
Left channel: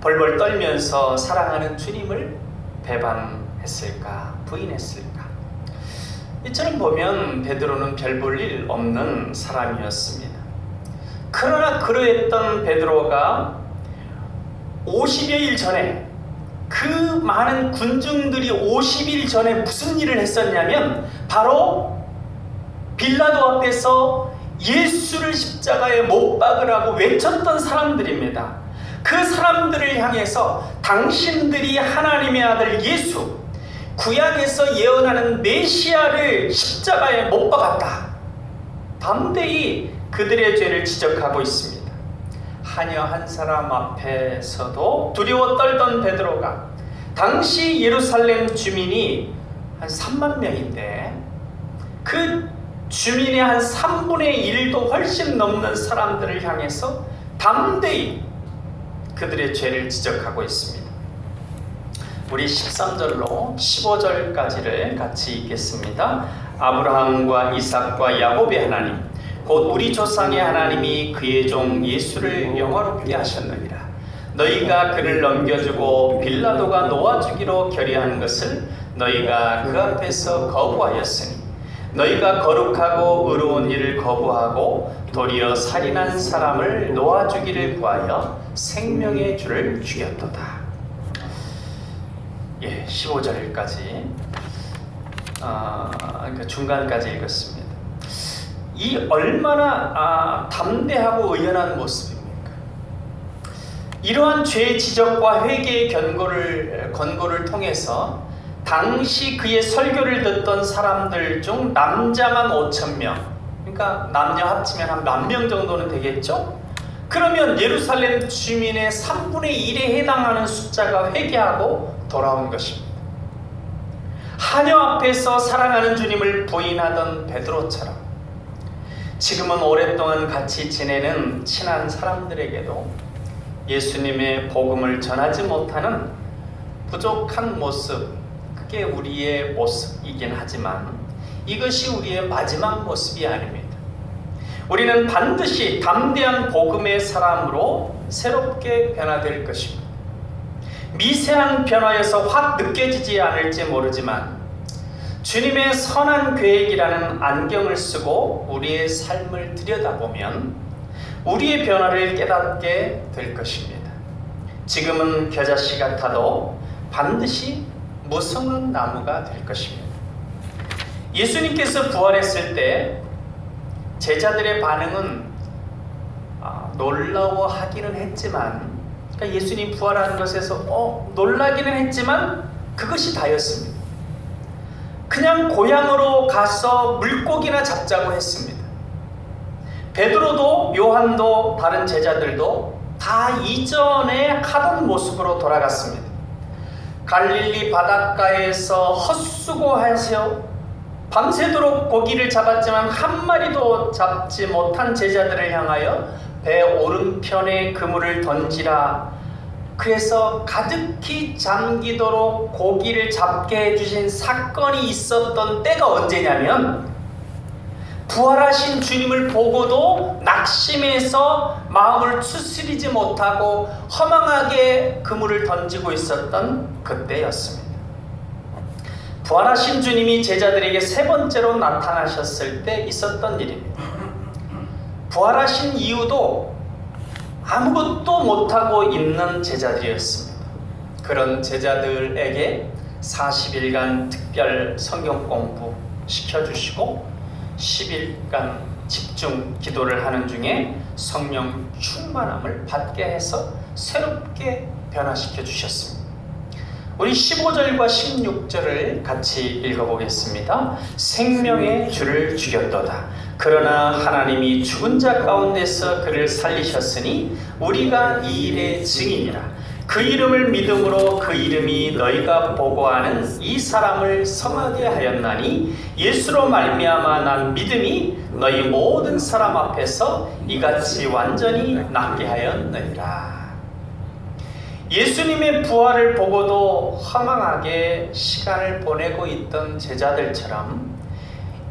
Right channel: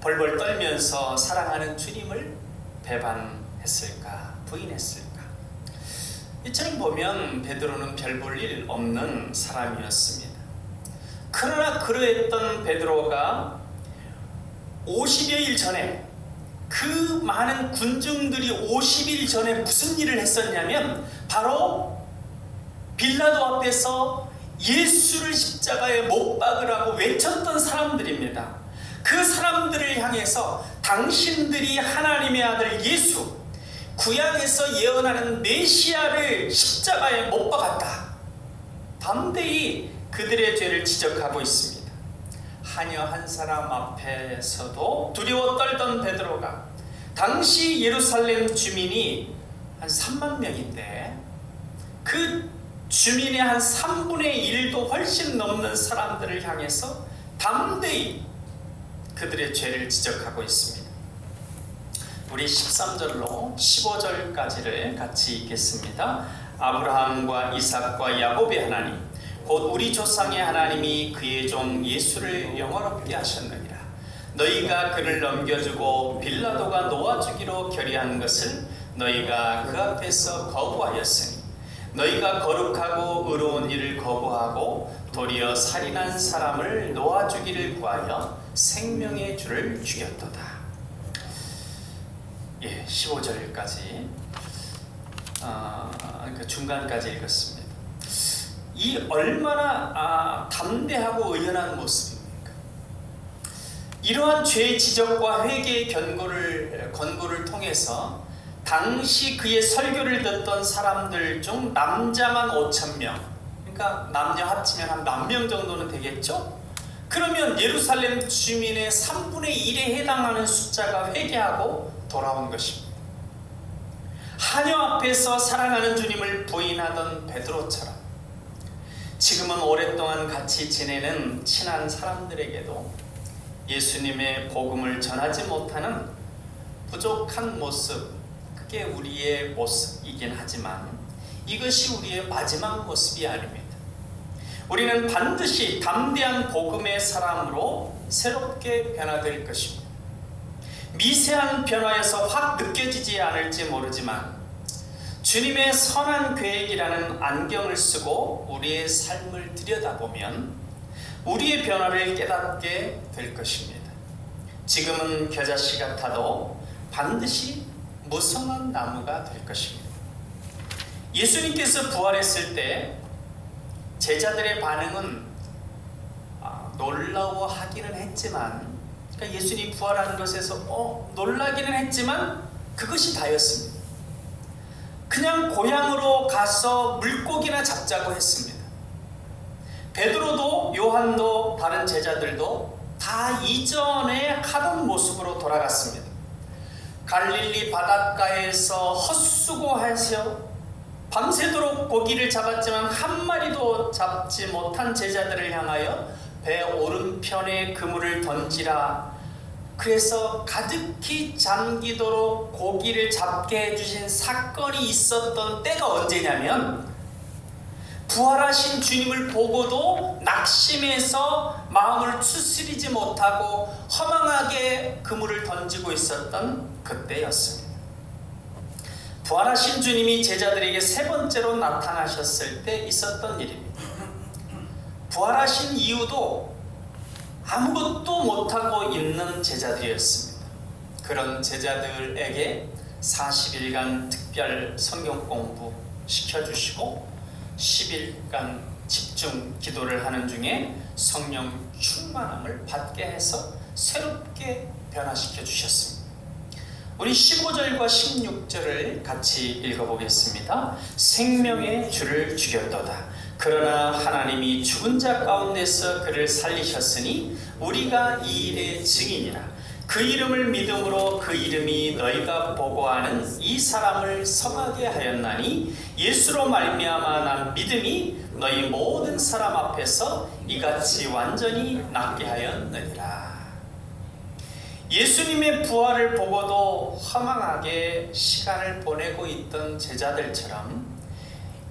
벌벌 떨면서 사랑하는 주님을 배반했을까, 부인했을까. 이처럼 보면 베드로는 별 볼 일 없는 사람이었습니다. 그러나 그러했던 베드로가 50여일 전에, 그 많은 군중들이 50일 전에 무슨 일을 했었냐면 바로 빌라도 앞에서 예수를 십자가에 못 박으라고 외쳤던 사람들입니다. 그 사람들을 향해서 당신들이 하나님의 아들 예수, 구약에서 예언하는 메시아를 십자가에 못 박았다, 담대히 그들의 죄를 지적하고 있습니다. 하녀 한 사람 앞에서도 두려워 떨던 베드로가, 당시 예루살렘 주민이 한 3만 명인데 그 주민의 한 3분의 1도 훨씬 넘는 사람들을 향해서 담대히 그들의 죄를 지적하고 있습니다. 우리 13절로 15절까지를 같이 읽겠습니다. 아브라함과 이삭과 야곱의 하나님, 곧 우리 조상의 하나님이 그의 종 예수를 영화롭게 하셨느니라. 너희가 그를 넘겨주고 빌라도가 놓아주기로 결의한 것을 너희가 그 앞에서 거부하였으니, 너희가 거룩하고 의로운 일을 거부하고 도리어 살인한 사람을 놓아주기를 구하여 생명의 주를 죽였도다. 15절까지 그러니까 중간까지 읽었습니다. 이 얼마나 담대하고 의연한 모습입니까? 이러한 죄 지적과 회개의 권고를 통해서 당시 그의 설교를 듣던 사람들 중 남자만 5,000명, 그러니까 남녀 합치면 한 10,000명 정도는 되겠죠? 그러면 예루살렘 주민의 3분의 1에 해당하는 숫자가 회개하고 돌아온 것입니다. 하녀 앞에서 사랑하는 주님을 부인하던 베드로처럼 지금은 오랫동안 같이 지내는 친한 사람들에게도 예수님의 복음을 전하지 못하는 부족한 모습, 그게 우리의 모습이긴 하지만 이것이 우리의 마지막 모습이 아닙니다. 우리는 반드시 담대한 복음의 사람으로 새롭게 변화될 것입니다. 미세한 변화여서 확 느껴지지 않을지 모르지만 주님의 선한 계획이라는 안경을 쓰고 우리의 삶을 들여다보면 우리의 변화를 깨닫게 될 것입니다. 지금은 겨자씨 같아도 반드시 무성한 나무가 될 것입니다. 예수님께서 부활했을 때 제자들의 반응은 놀라워하기는 했지만, 그러니까 예수님 부활한 것에서 놀라기는 했지만 그것이 다였습니다. 그냥 고향으로 가서 물고기나 잡자고 했습니다. 베드로도 요한도 다른 제자들도 다 이전에 하던 모습으로 돌아갔습니다. 갈릴리 바닷가에서 헛수고하셔 밤새도록 고기를 잡았지만 한 마리도 잡지 못한 제자들을 향하여 배 오른편에 그물을 던지라, 그래서 가득히 잠기도록 고기를 잡게 해주신 사건이 있었던 때가 언제냐면 부활하신 주님을 보고도 낙심해서 마음을 추스리지 못하고 허망하게 그물을 던지고 있었던 그때였습니다. 부활하신 주님이 제자들에게 세 번째로 나타나셨을 때 있었던 일입니다. 부활하신 이유도 아무것도 못하고 있는 제자들이었습니다. 그런 제자들에게 40일간 특별 성경 공부 시켜주시고 10일간 집중 기도를 하는 중에 성령 충만함을 받게 해서 새롭게 변화시켜 주셨습니다. 우리 15절과 16절을 같이 읽어보겠습니다. 생명의 주를 죽였도다. 그러나 하나님이 죽은 자 가운데서 그를 살리셨으니 우리가 이 일의 증인이라. 그 이름을 믿음으로 그 이름이 너희가 보고하는 이 사람을 성하게 하였나니 예수로 말미암아 난 믿음이 너희 모든 사람 앞에서 이같이 완전히 낫게 하였느니라. 예수님의 부활을 보고도 허망하게 시간을 보내고 있던 제자들처럼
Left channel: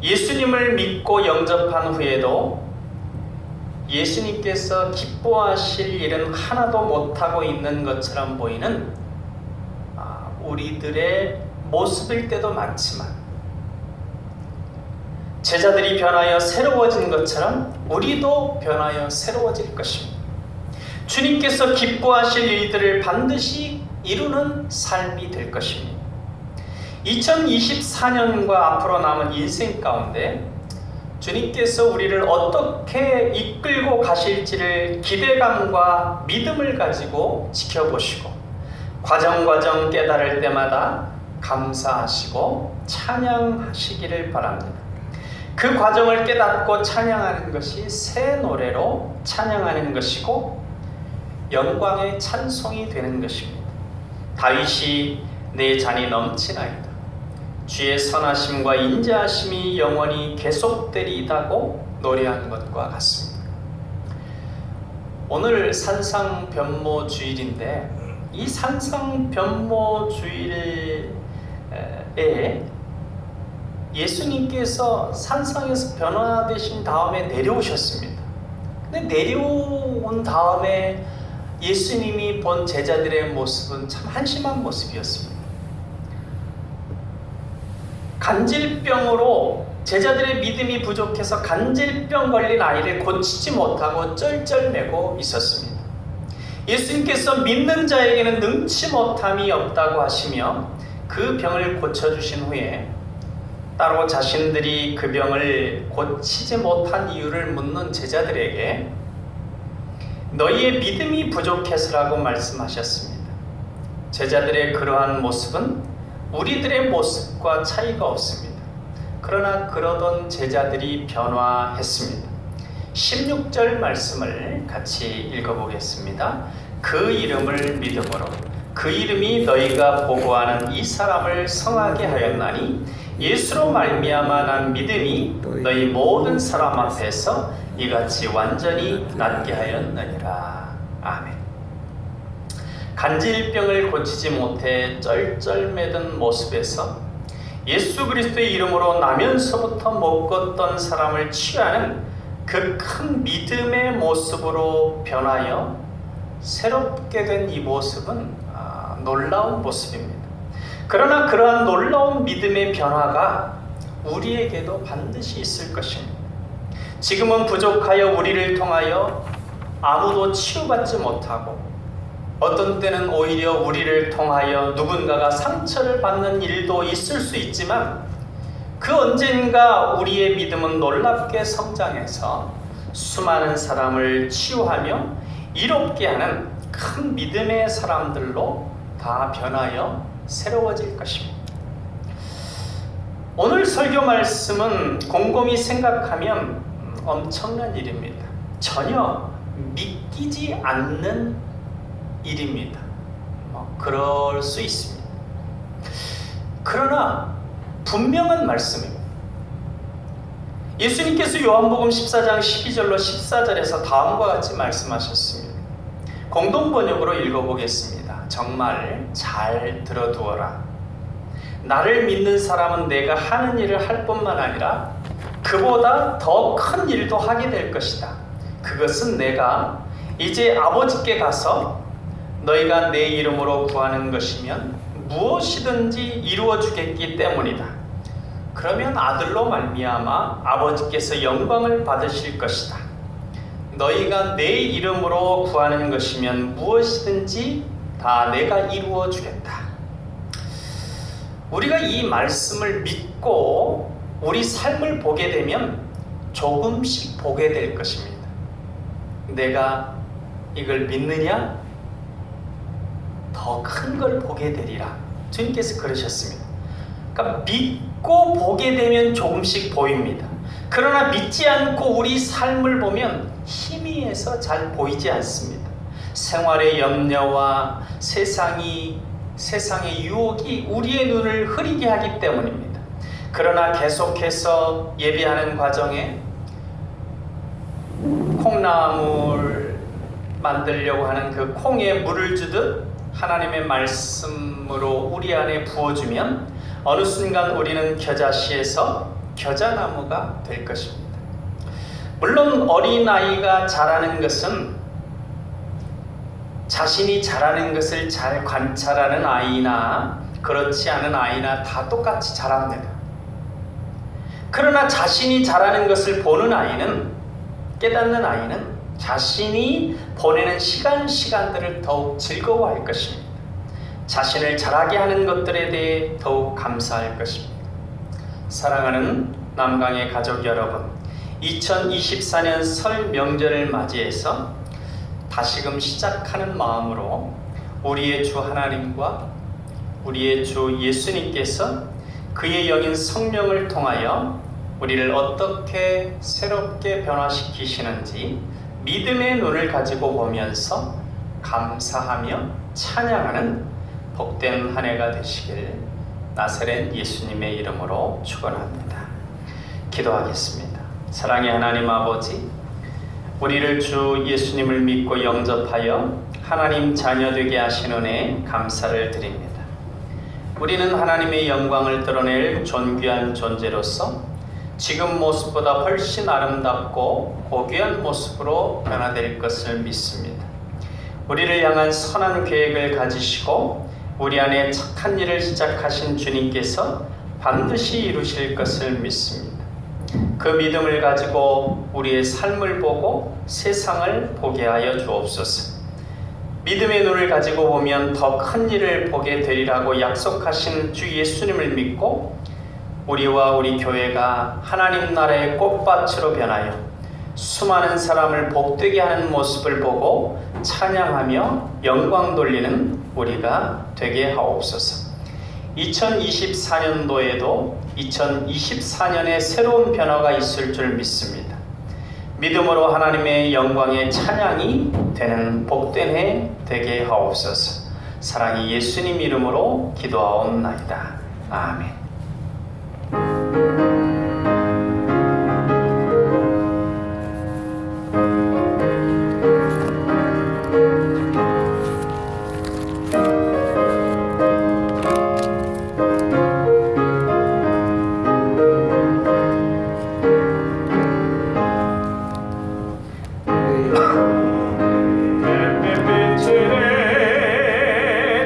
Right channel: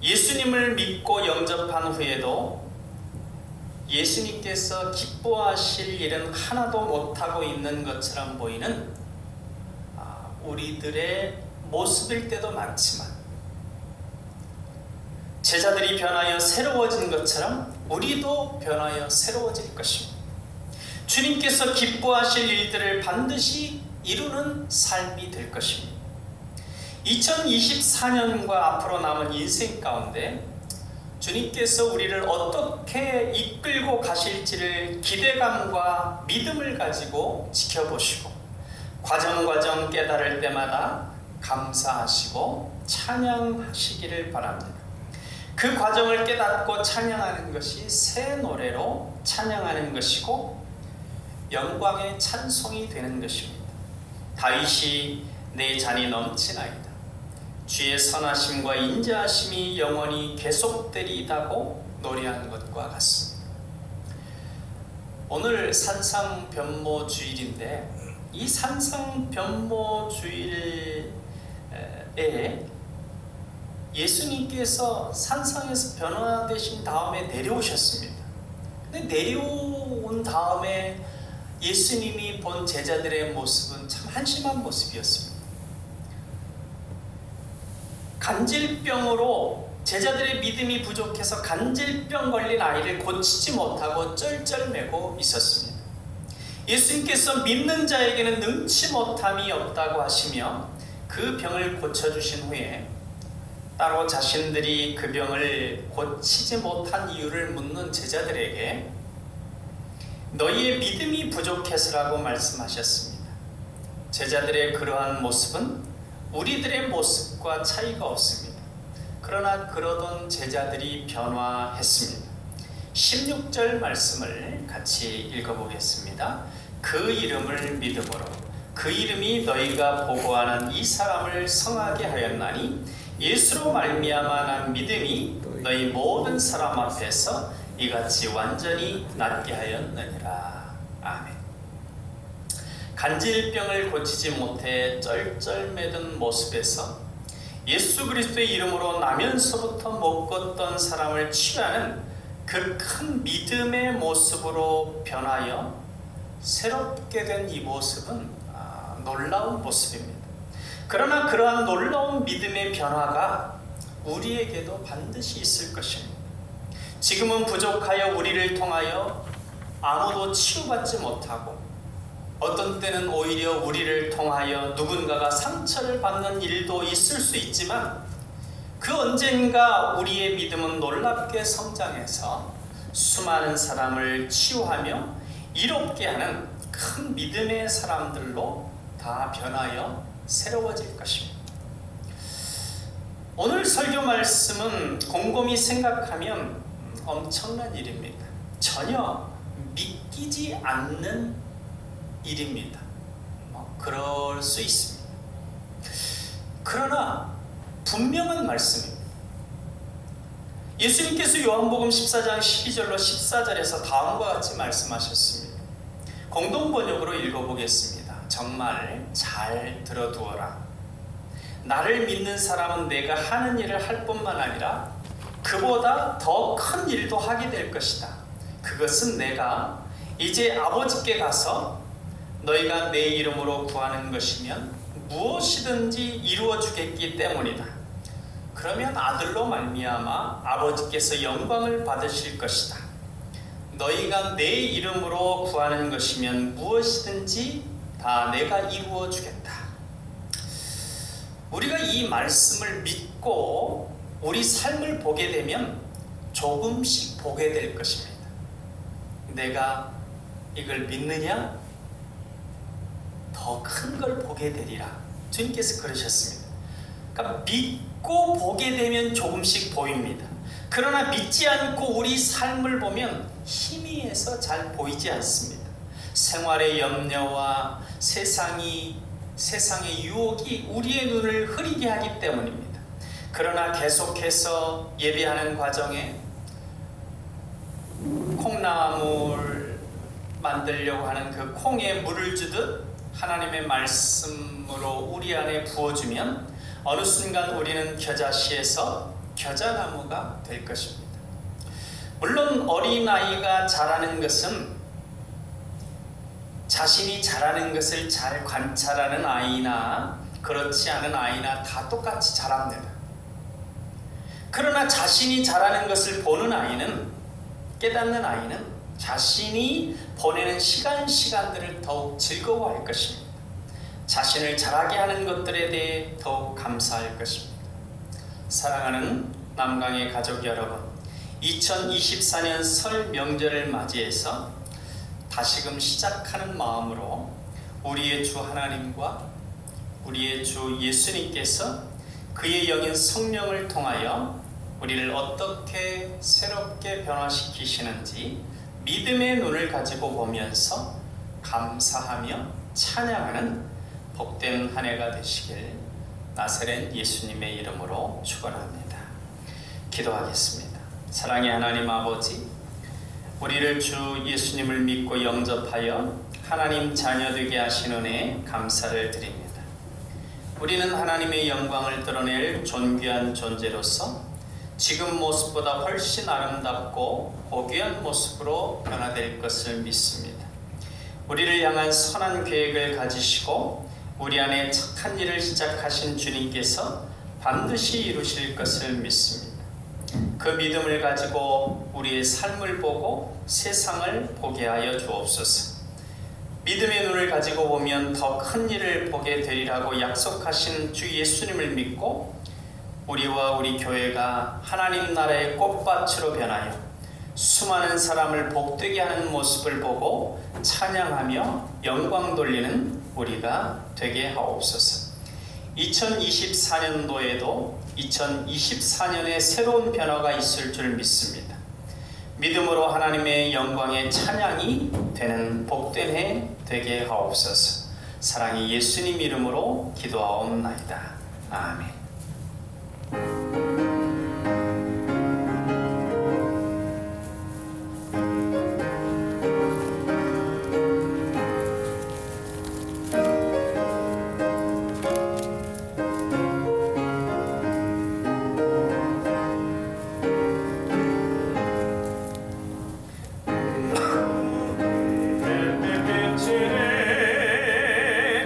예수님을 믿고 영접한 후에도 예수님께서 기뻐하실 일은 하나도 못하고 있는 것처럼 보이는 우리들의 모습일 때도 많지만, 제자들이 변하여 새로워진 것처럼 우리도 변하여 새로워질 것입니다. 주님께서 기뻐하실 일들을 반드시 이루는 삶이 될 것입니다. 2024년과 앞으로 남은 인생 가운데 주님께서 우리를 어떻게 이끌고 가실지를 기대감과 믿음을 가지고 지켜보시고 과정 깨달을 때마다 감사하시고 찬양하시기를 바랍니다. 그 과정을 깨닫고 찬양하는 것이 새 노래로 찬양하는 것이고 영광의 찬송이 되는 것입니다. 다윗이 내 잔이 넘치나이다. 주의 선하심과 인자하심이 영원히 계속되리이다고 노래한 것과 같습니다. 오늘 산상변모주일인데 이 산상변모주일에 예수님께서 산상에서 변화되신 다음에 내려오셨습니다. 근데 내려온 다음에 예수님이 본 제자들의 모습은 참 한심한 모습이었습니다. 간질병으로 제자들의 믿음이 부족해서 간질병 걸린 아이를 고치지 못하고 쩔쩔매고 있었습니다. 예수님께서 믿는 자에게는 능치 못함이 없다고 하시며 그 병을 고쳐주신 후에 따로 자신들이 그 병을 고치지 못한 이유를 묻는 제자들에게 너희의 믿음이 부족해서라고 말씀하셨습니다. 제자들의 그러한 모습은 우리들의 모습과 차이가 없습니다. 그러나 그러던 제자들이 변화했습니다. 16절 말씀을 같이 읽어보겠습니다. 그 이름을 믿음으로 그 이름이 너희가 보고하는 이 사람을 성하게 하였나니 예수로 말미암아 난 믿음이 너희 모든 사람 앞에서 이같이 완전히 낫게 하였느니라. 아멘. 간질병을 고치지 못해 쩔쩔매던 모습에서 예수 그리스도의 이름으로 나면서부터 못 걷던 사람을 취하는 그 큰 믿음의 모습으로 변하여 새롭게 된 이 모습은 놀라운 모습입니다. 그러나 그러한 놀라운 믿음의 변화가 우리에게도 반드시 있을 것입니다. 지금은 부족하여 우리를 통하여 아무도 치유받지 못하고 어떤 때는 오히려 우리를 통하여 누군가가 상처를 받는 일도 있을 수 있지만 그 언젠가 우리의 믿음은 놀랍게 성장해서 수많은 사람을 치유하며 이롭게 하는 큰 믿음의 사람들로 다 변하여 새로워질 것입니다. 오늘 설교 말씀은 곰곰이 생각하면 엄청난 일입니다. 전혀 믿기지 않는 일입니다. 그럴 수 있습니다. 그러나 분명한 말씀입니다. 예수님께서 요한복음 14장 12절로 14절에서 다음과 같이 말씀하셨습니다. 공동번역으로 읽어보겠습니다. 정말 잘 들어두어라. 나를 믿는 사람은 내가 하는 일을 할 뿐만 아니라 그보다 더 큰 일도 하게 될 것이다. 그것은 내가 이제 아버지께 가서 너희가 내 이름으로 구하는 것이면 무엇이든지 이루어 주겠기 때문이다. 그러면 아들로 말미암아 아버지께서 영광을 받으실 것이다. 너희가 내 이름으로 구하는 것이면 무엇이든지 다 내가 이루어 주겠다. 우리가 이 말씀을 믿고 우리 삶을 보게 되면 조금씩 보게 될 것입니다. 내가 이걸 믿느냐? 더 큰 걸 보게 되리라. 주님께서 그러셨습니다. 그러니까 믿고 보게 되면 조금씩 보입니다. 그러나 믿지 않고 우리 삶을 보면 희미해서 잘 보이지 않습니다. 생활의 염려와 세상의 유혹이 우리의 눈을 흐리게 하기 때문입니다. 그러나 계속해서 예배하는 과정에 콩나물 만들려고 하는 그 콩에 물을 주듯 하나님의 말씀으로 우리 안에 부어주면 어느 순간 우리는 겨자씨에서 겨자나무가 될 것입니다. 물론 어린아이가 자라는 것은 자신이 자라는 것을 잘 관찰하는 아이나 그렇지 않은 아이나 다 똑같이 자랍니다. 그러나 자신이 자라는 것을 보는 아이는, 깨닫는 아이는 자신이 보내는 시간들을 더욱 즐거워할 것입니다. 자신을 자라게 하는 것들에 대해 더욱 감사할 것입니다. 사랑하는 남강의 가족 여러분, 2024년 설 명절을 맞이해서 다시금 시작하는 마음으로 우리의 주 하나님과 우리의 주 예수님께서 그의 영인 성령을 통하여 우리를 어떻게 새롭게 변화시키시는지 믿음의 눈을 가지고 보면서 감사하며 찬양하는 복된 한 해가 되시길 나사렛 예수님의 이름으로 축원합니다. 기도하겠습니다. 사랑의 하나님 아버지, 우리를 주 예수님을 믿고 영접하여 하나님 자녀 되게 하신 은혜에 감사를 드립니다. 우리는 하나님의 영광을 드러낼 존귀한 존재로서 지금 모습보다 훨씬 아름답고 고귀한 모습으로 변화될 것을 믿습니다. 우리를 향한 선한 계획을 가지시고 우리 안에 착한 일을 시작하신 주님께서 반드시 이루실 것을 믿습니다. 그 믿음을 가지고 우리의 삶을 보고 세상을 보게 하여 주옵소서. 믿음의 눈을 가지고 보면 더 큰 일을 보게 되리라고 약속하신 주 예수님을 믿고 우리와 우리 교회가 하나님 나라의 꽃밭으로 변하여 수많은 사람을 복되게 하는 모습을 보고 찬양하며 영광 돌리는 우리가 되게 하옵소서. 2024년도에도 2024년의 새로운 변화가 있을 줄 믿습니다. 믿음으로 하나님의 영광의 찬양이 되는 복된 해 되게 하옵소서. 사랑이 예수님 이름으로 기도하옵나이다. 아멘.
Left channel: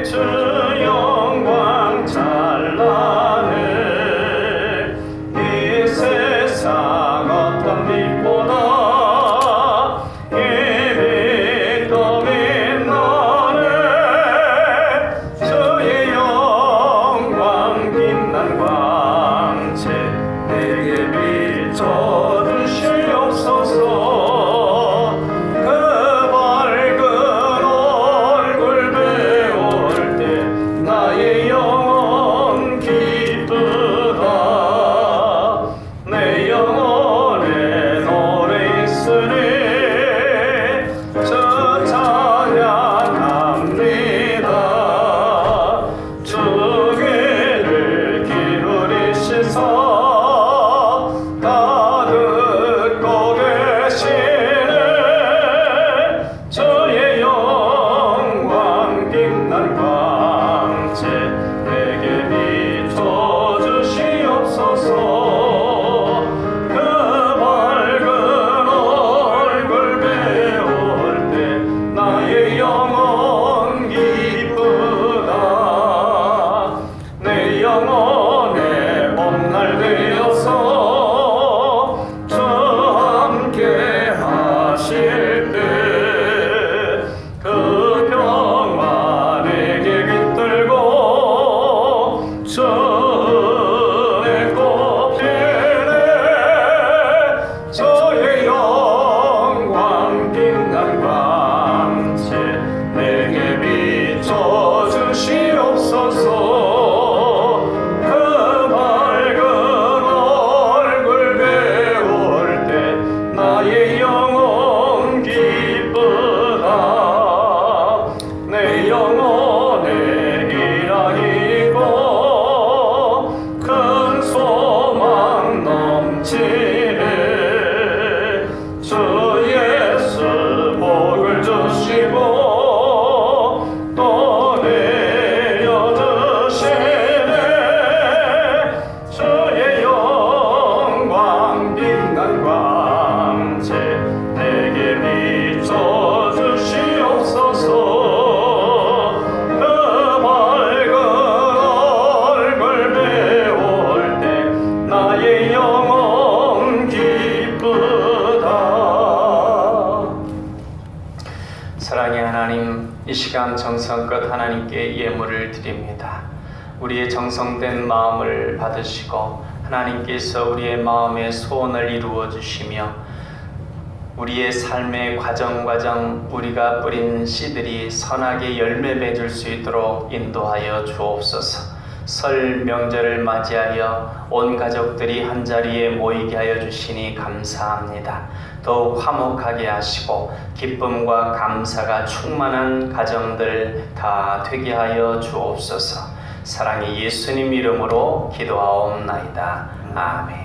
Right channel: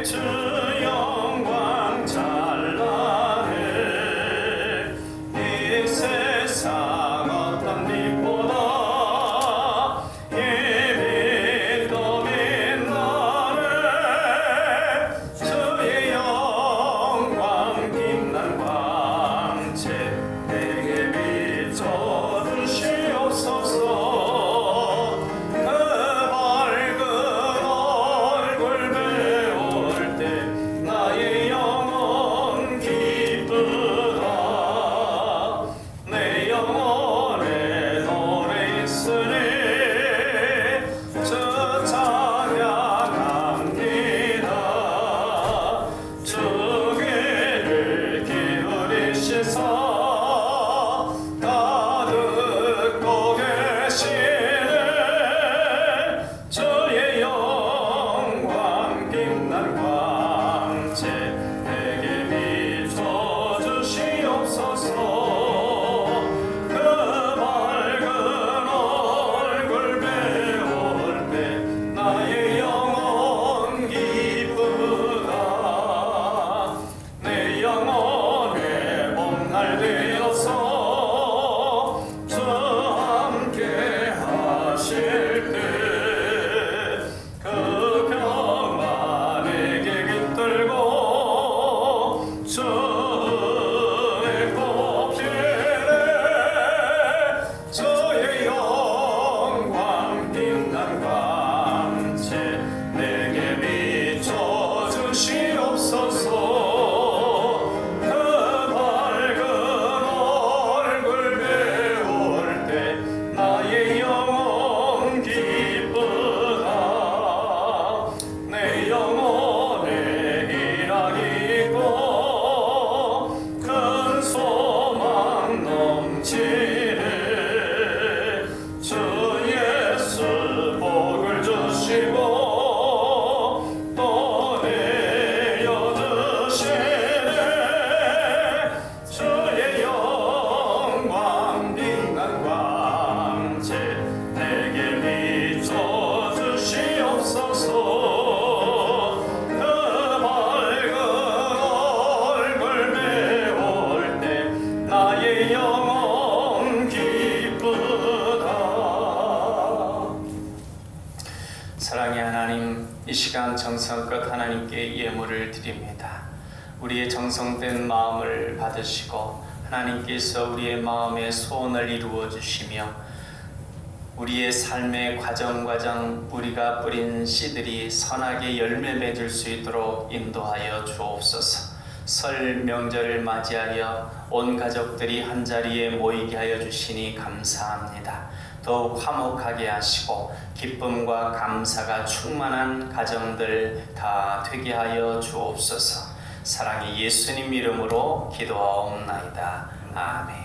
주 영광 찬란해 사랑의 하나님, 이 시간 정성껏 하나님께 예물을 드립니다. 우리의 정성된 마음을 받으시고 하나님께서 우리의 마음의 소원을 이루어 주시며 우리의 삶의 과정 우리가 뿌린 씨들이 선하게 열매 맺을 수 있도록 인도하여 주옵소서. 설 명절을 맞이하여 온 가족들이 한자리에 모이게 하여 주시니 감사합니다. 더욱 화목하게 하시고 기쁨과 감사가 충만한 가정들 다 되게 하여 주옵소서. 사랑의 예수님 이름으로 기도하옵나이다. 아멘.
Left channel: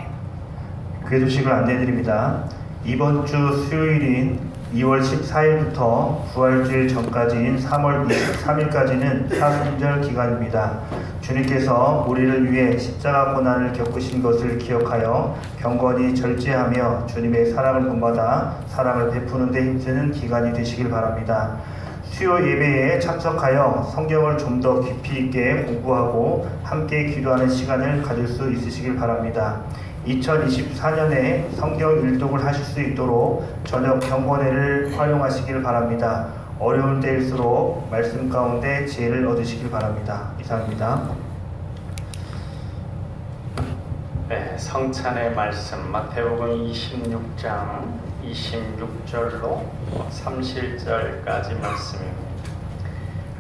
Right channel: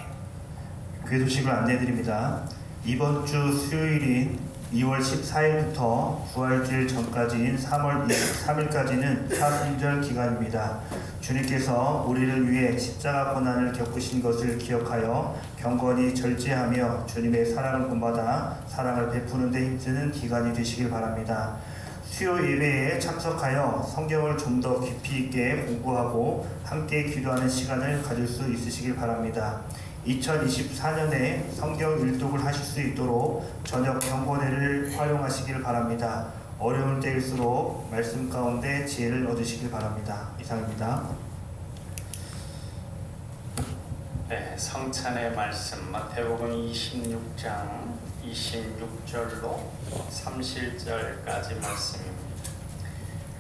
기도 소식을 안내드립니다. 이번 주 수요일인 2월 14일부터 부활주일 전까지인 3월 23일까지는 사순절 기간입니다. 주님께서 우리를 위해 십자가 고난을 겪으신 것을 기억하여 경건히 절제하며 주님의 사랑을 본받아 사랑을 베푸는 데 힘쓰는 기간이 되시길 바랍니다. 수요 예배에 참석하여 성경을 좀 더 깊이 있게 공부하고 함께 기도하는 시간을 가질 수 있으시길 바랍니다. 2024년에 성경 일독을 하실 수 있도록 저녁 경건회를 활용하시길 바랍니다. 어려운 때일수록 말씀 가운데 지혜를 얻으시길 바랍니다. 이상입니다. 네, 성찬의 말씀 마태복음 26장 26절로 30절까지 말씀입니다.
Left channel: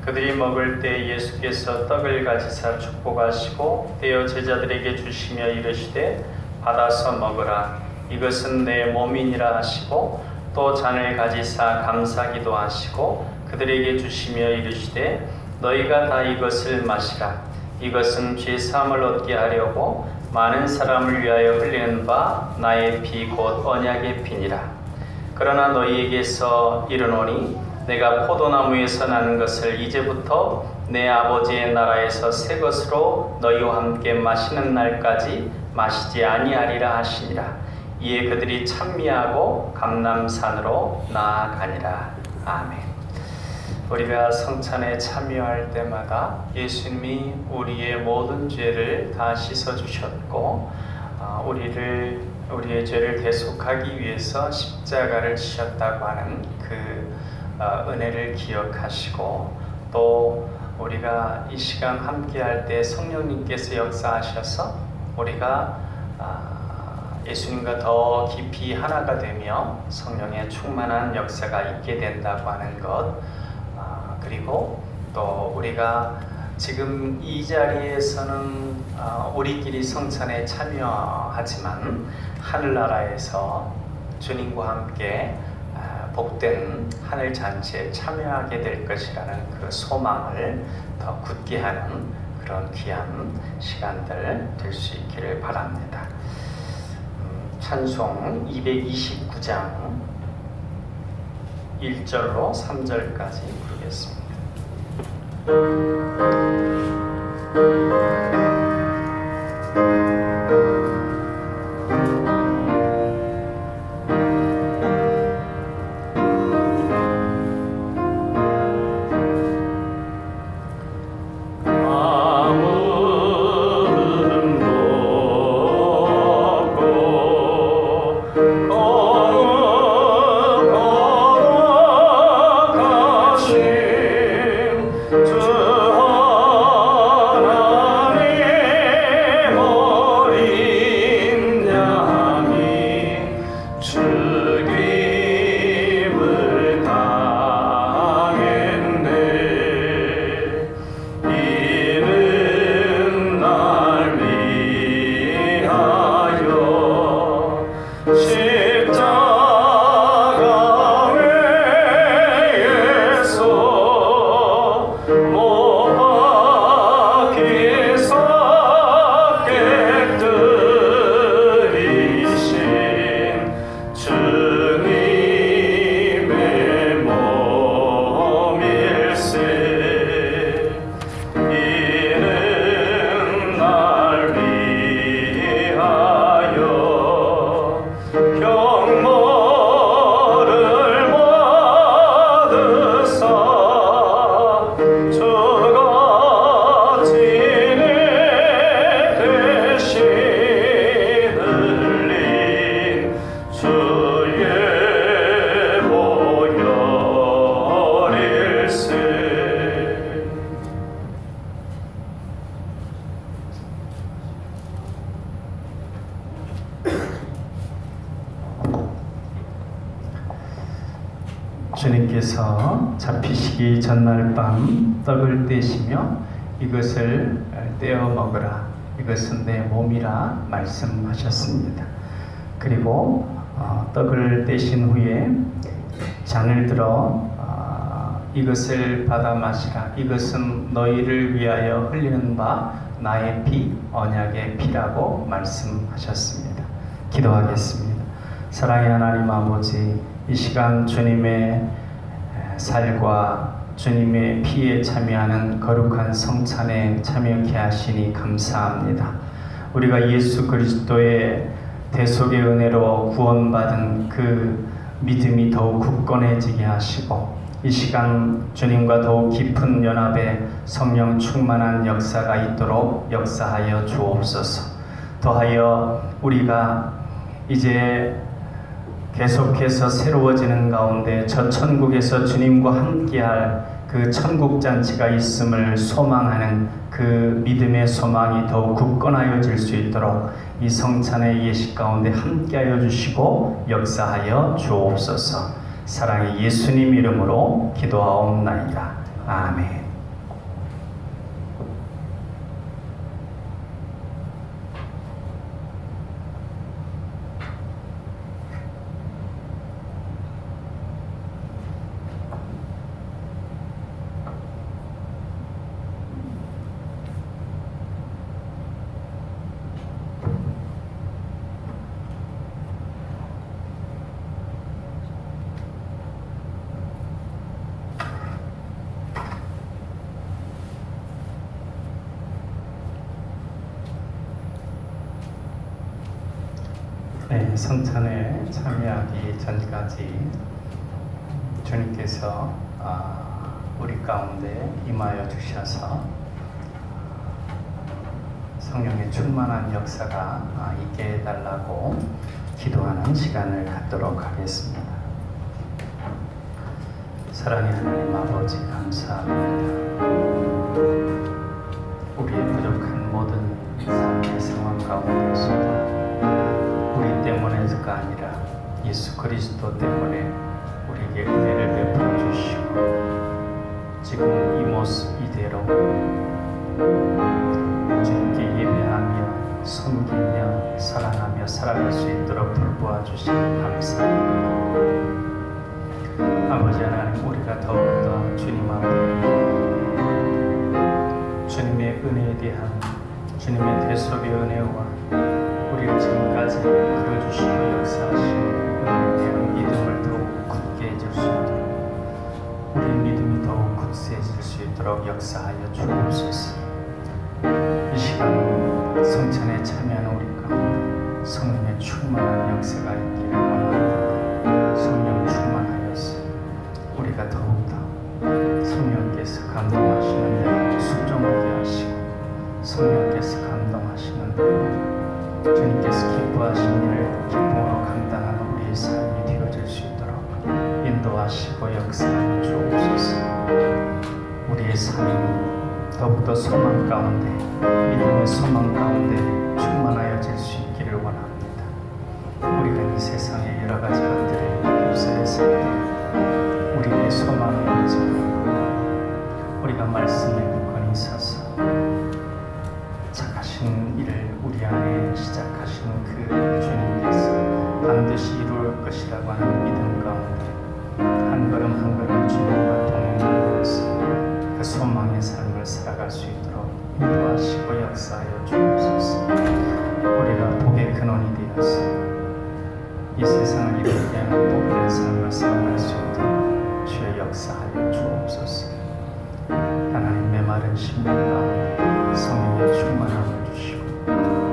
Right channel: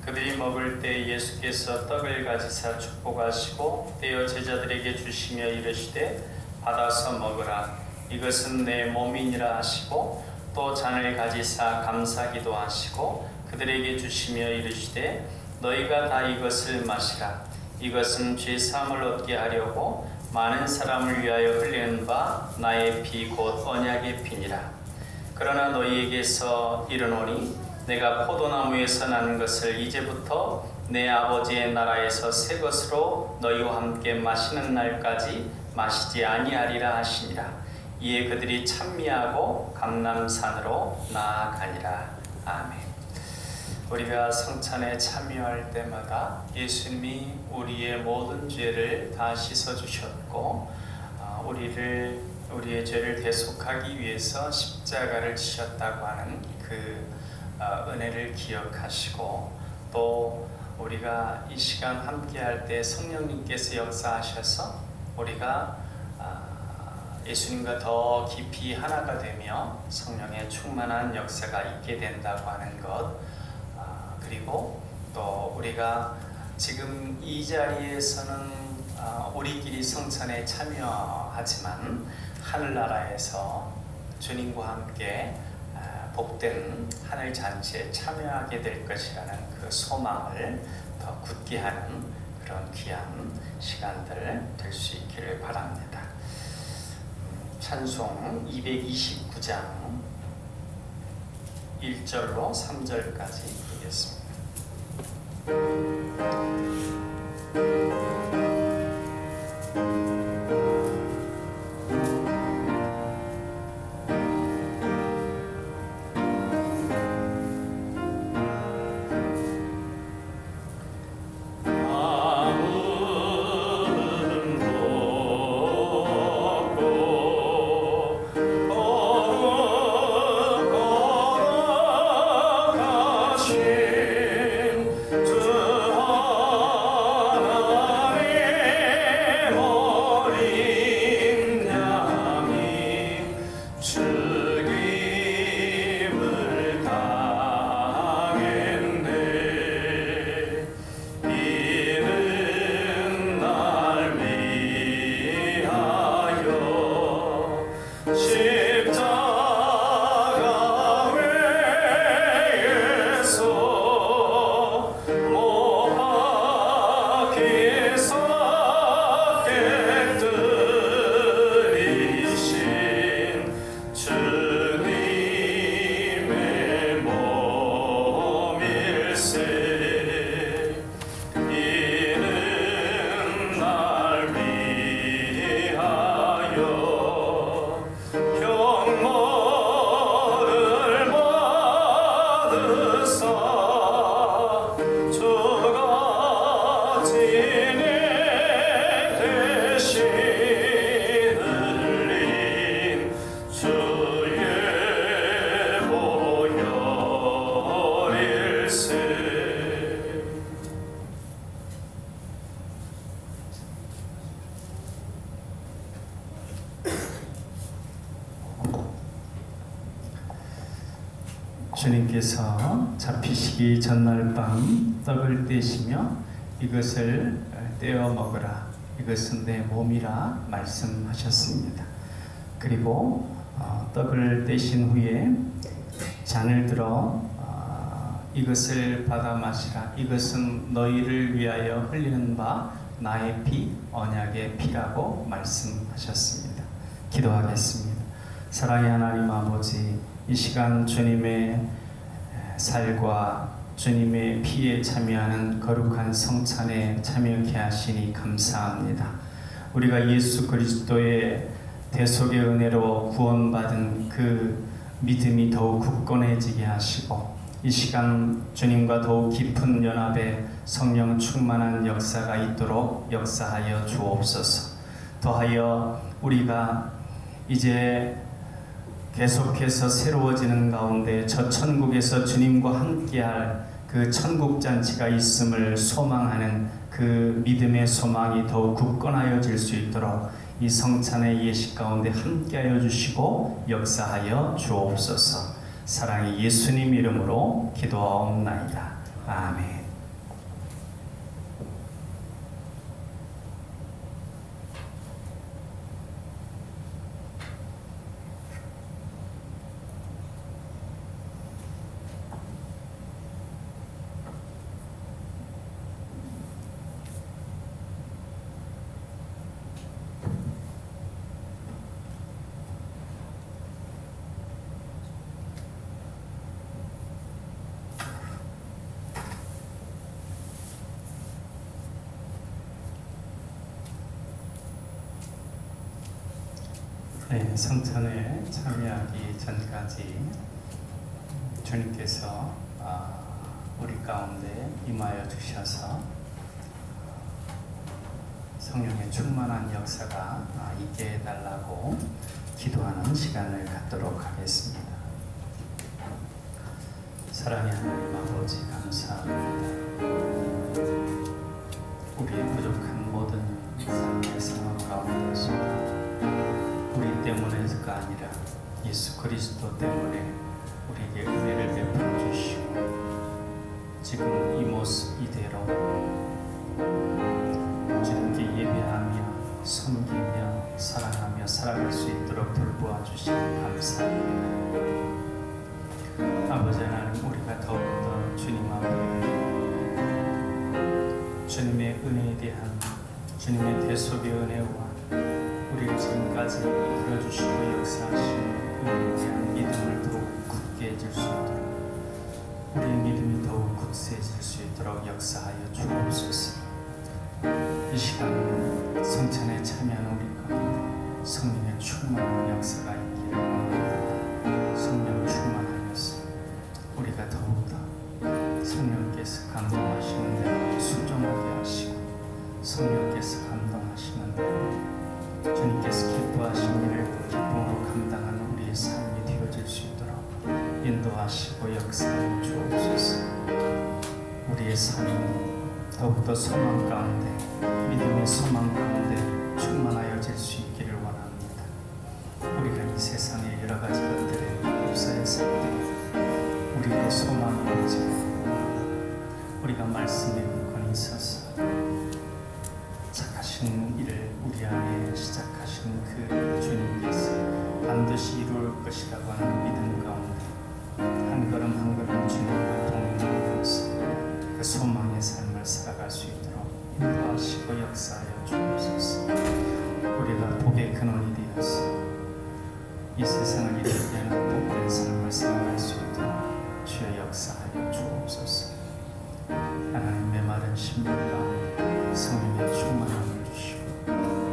그들이 먹을 때 예수께서 떡을 가지사 축복하시고 떼어 제자들에게 주시며 이르시되 받아서 먹으라, 이것은 내 몸이니라 하시고 또 잔을 가지사 감사기도 하시고 그들에게 주시며 이르시되 너희가 다 이것을 마시라, 이것은 죄사함을 얻게 하려고 많은 사람을 위하여 흘리는 바 나의 피 곧 언약의 피니라. 그러나 너희에게서 이르노니 내가 포도나무에서 나는 것을 이제부터 내 아버지의 나라에서 새 것으로 너희와 함께 마시는 날까지 마시지 아니하리라 하시니라. 이에 그들이 찬미하고 감람산으로 나아가니라. 아멘. 우리가 성찬에 참여할 때마다 예수님이 우리의 모든 죄를 다 씻어주셨고 우리의 죄를 대속하기 위해서 십자가를 지셨다고 하는 그 은혜를 기억하시고 또 우리가 이 시간 함께할 때 성령님께서 역사하셔서 우리가 예수님과 더 깊이 하나가 되며 성령의 충만한 역사가 있게 된다고 하는 것, 그리고 또 우리가 지금 이 자리에서는 우리끼리 성찬에 참여하지만 하늘나라에서 주님과 함께 복된 하늘 잔치에 참여하게 될 것이라는 그 소망을 더 굳게 하는 그런 귀한 시간들 될 수 있기를 바랍니다. 찬송 229장 1절로 3절까지 부르겠습니다. 주 하나님 주님께서 잡히시기 전날 밤 떡을 떼시며 이것을 떼어 먹으라. 이것은 내 몸이라 말씀하셨습니다. 그리고 떡을 떼신 후에 잔을 들어 이것을 받아 마시라. 이것은 너희를 위하여 흘리는 바 나의 피, 언약의 피라고 말씀하셨습니다. 기도하겠습니다. 사랑의 하나님 아버지, 이 시간 주님의 살과 주님의 피에 참여하는 거룩한 성찬에 참여케 하시니 감사합니다. 우리가 예수 그리스도의 대속의 은혜로 구원받은 그 믿음이 더욱 굳건해지게 하시고, 이 시간 주님과 더욱 깊은 연합에 성령 충만한 역사가 있도록 역사하여 주옵소서. 더하여 우리가 이제 계속해서 새로워지는 가운데 저 천국에서 주님과 함께할 그 천국 잔치가 있음을 소망하는 그 믿음의 소망이 더욱 굳건하여질 수 있도록 이 성찬의 예식 가운데 함께하여 주시고 역사하여 주옵소서. 사랑의 예수님 이름으로 기도하옵나이다. 아멘. 네, 성찬에 참여하기 전까지 주님께서 우리 가운데 임하여 주셔서 성령의 충만한 역사가 있게 해달라고 기도하는 시간을 갖도록 하겠습니다. 사랑의 하나님 아버지, 감사합니다. 우리의 부족한 모든 삶의 상황 가운데서 우리 때문에가 아니라 예수 그리스도 때문에 우리에게 은혜를 베풀어 주시고, 지금 이 모습 이대로 주님께 예배하며 섬기며 사랑하며 살아갈 수 있도록 돌보아 주시니 감사합니다. 아버지 하나님, 우리가 더욱더 주님 앞에 주님의 은혜에 대한 주님의 대속의 은혜와 우리를 지금까지 이끌어주시고 역사하신 은혜에 대한 믿음을 더욱 굳게 해줄 수 있도록, 우리의 믿음이 더욱 굳세해질 수 있도록 역사하여 주옵소서. 이 시간 성찬에 참여하는 우리 가운데 성령의 충만한 역사가 있기를 원합니다. 성령 충만하여서 우리가 더욱더 성령께서 감동하시는 대로 순종하게 하시고, 성령께서 감동하시는 대로 주님께서 기뻐하신 일을 기쁨으로 감당하는 우리의 삶이 되어질 수 있도록 인도하시고 역사하여 주옵소서. 우리의 삶이 더욱더 소망 가운데, 믿음의 소망 가운데 충만하여질 수 있기를 원합니다. 우리가 이 세상의 여러 가지 것들에 휩싸여서 우리의 소망이 오지만 우리가 말씀에 굳건히 서서 착하신 일을 우리 안에 시작하시는 그 주님께서 반드시 이루을 것이라고 하는 믿음 가운데 한 걸음 한 걸음 주님과 동행하여서 그 소망의 삶을 살아갈 수 있도록 인도하시고 역사하여 주옵소서. 우리가 복의 근원이 되어서 이 세상을 이루게 하는 복된 삶을 살아갈 수 있도록 주의 역사하여 주옵소서. 하나님, 메마른 심령 가운데 성령의 충만함을 주시고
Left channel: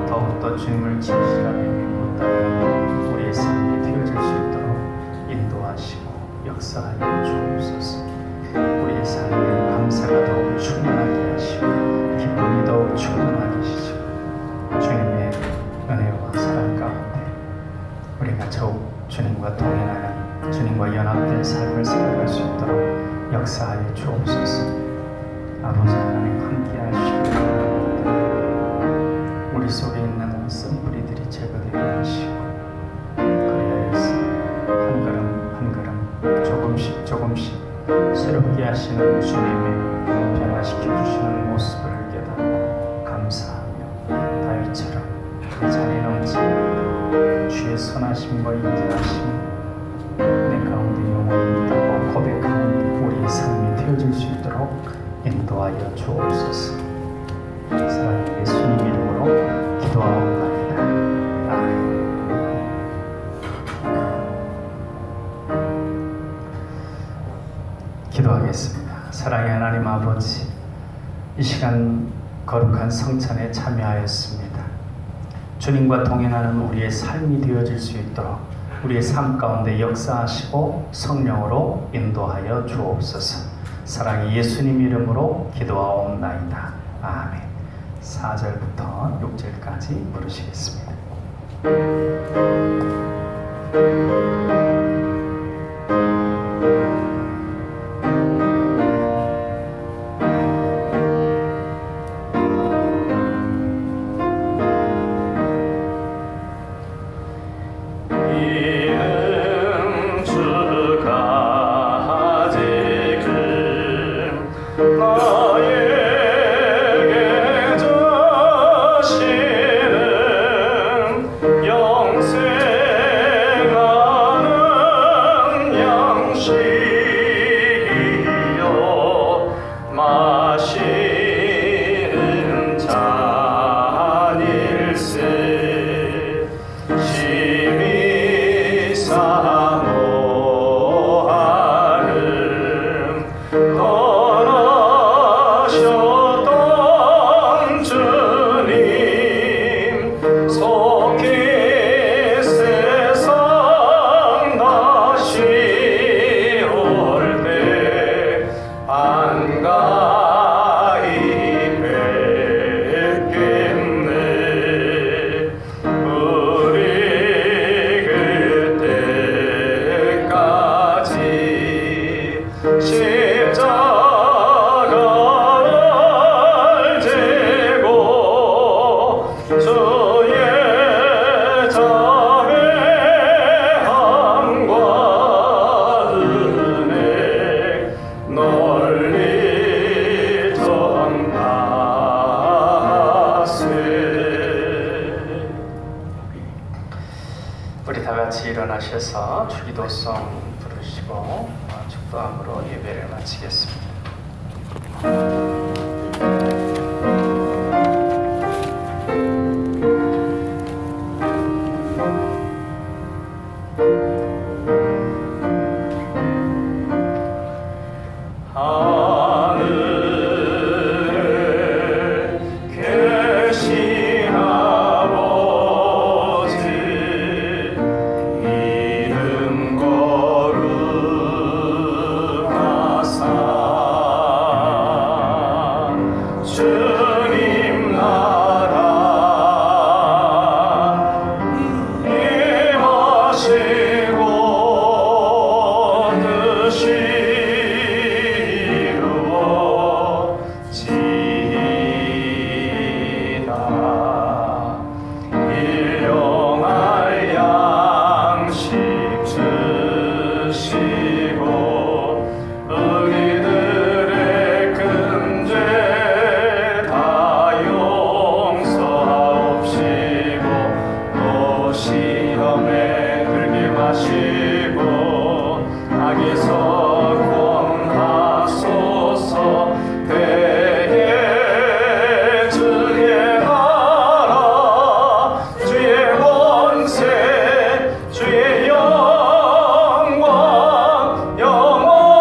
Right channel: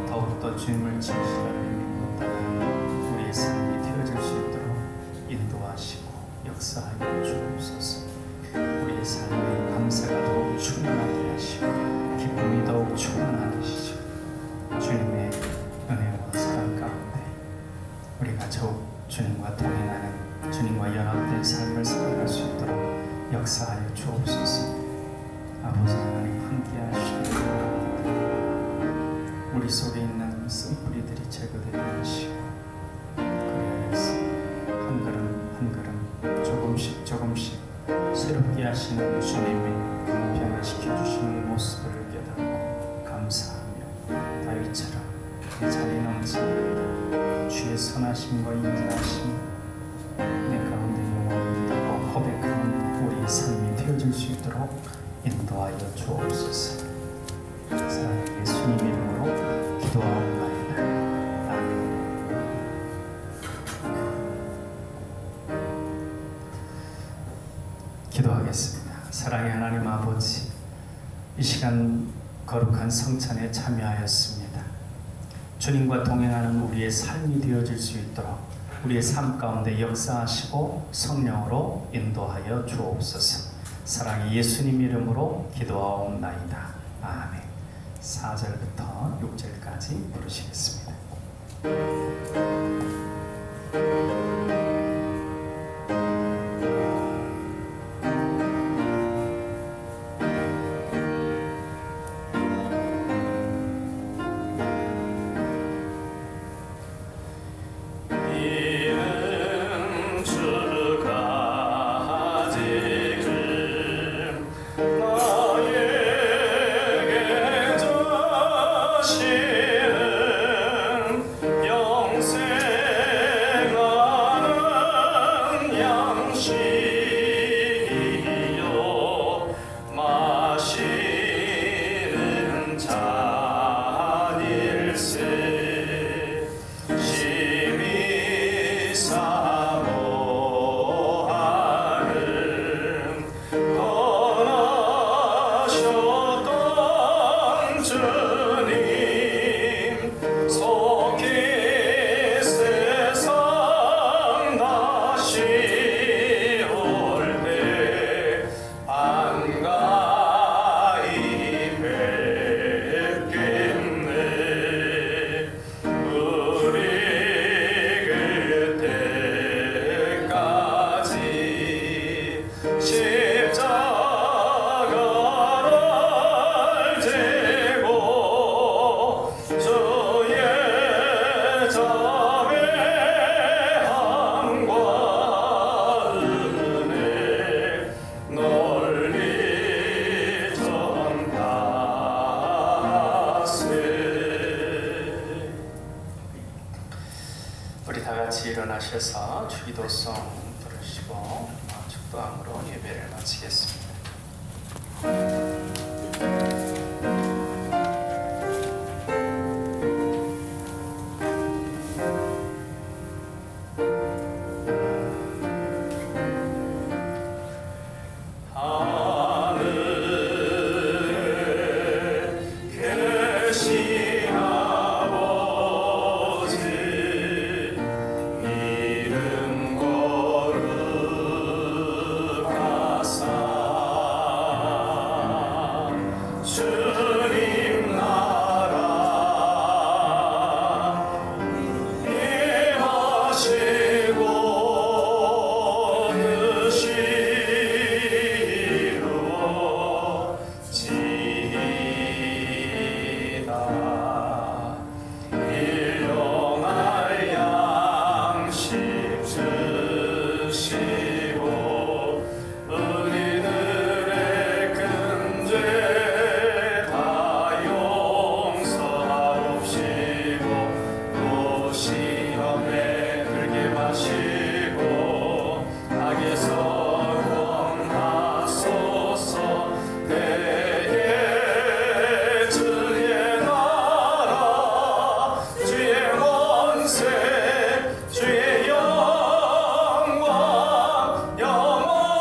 더욱더 주님을 진실하게 믿고 따르는 우리의 삶이 되어질 수 있도록 인도하시고 역사하여 주옵소서. 우리의 삶에 감사가 더욱 충만하게 하시고 기쁨이 더욱 충만하게 하시고 주님의 은혜와 사랑 가운데 우리가 더욱 주님과 동행하는, 주님과 연합된 삶을 살아갈 수 있도록 역사하여 주옵소서. 아버지 하나님, 함께 하시고 우리 속에 있는 쓴뿌리들이 제거되게 하시고, 그리하여서 한 걸음 한 걸음 조금씩 조금씩 새롭게 하시는 주님의 변화시켜 주시는 모습을 깨닫고 감사하며 다윗처럼 그 잔에 넘칩니다. 주의 선하심과 인자하심이 내 가운데 영원히 있다고 고백하는 우리의 삶이 되어질 수 있도록 인도하여 주옵소서. 사랑하는 예수님 이름으로 기도하옵나이다. 아멘. 기도하겠습니다. 사랑의 하나님 아버지, 이 시간 거룩한 성찬에 참여하였습니다. 주님과 동행하는 우리의 삶이 되어질 수 있도록 우리의 삶 가운데 역사하시고 성령으로 인도하여 주옵소서. 사랑의 예수님 이름으로 기도하옵나이다. 아멘. 4절부터 6절까지 부르시겠습니다. 이는 주가 지금 나에게 주시는 영생하는 양식이요 마시는 잔일세 심히 사모하는 떠나셨던 주님 속히 세상 다시 올 때 반가이 뵙겠네. 우리 그때까지 십자가를 지고 주의 자매함과 은혜 널리 전하세. 우리 다 같이 일어나셔서 주기도송 부르시고 축도함으로 예배를 마치겠습니다. 하늘에 계신 아버지 이름 거룩하사 주님 나라 임하시고 뜻이 이루어지이다. 일용할 양식 주시고 우리들의 큰 죄 다 용서하옵시고 또 시험에 들게 마시고 악에서 구원하소서. 대해 주의 나라 주의 권세 주의 영광 영원히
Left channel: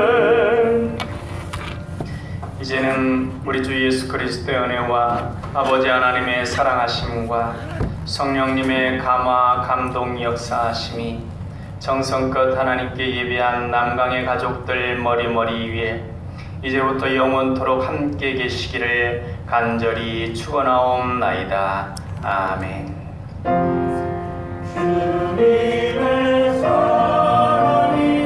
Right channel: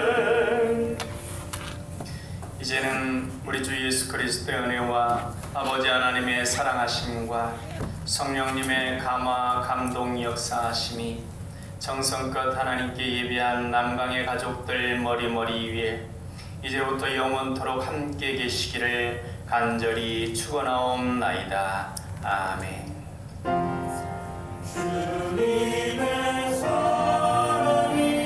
아멘. 이제는 우리 주 예수 그리스도의 은혜와 아버지 하나님의 사랑하심과 성령님의 감화 감동 역사하심이 정성껏 하나님께 예배한 남강의 가족들 머리머리 위에 이제부터 영원토록 함께 계시기를 간절히 축원하옵나이다. 아멘. 주님의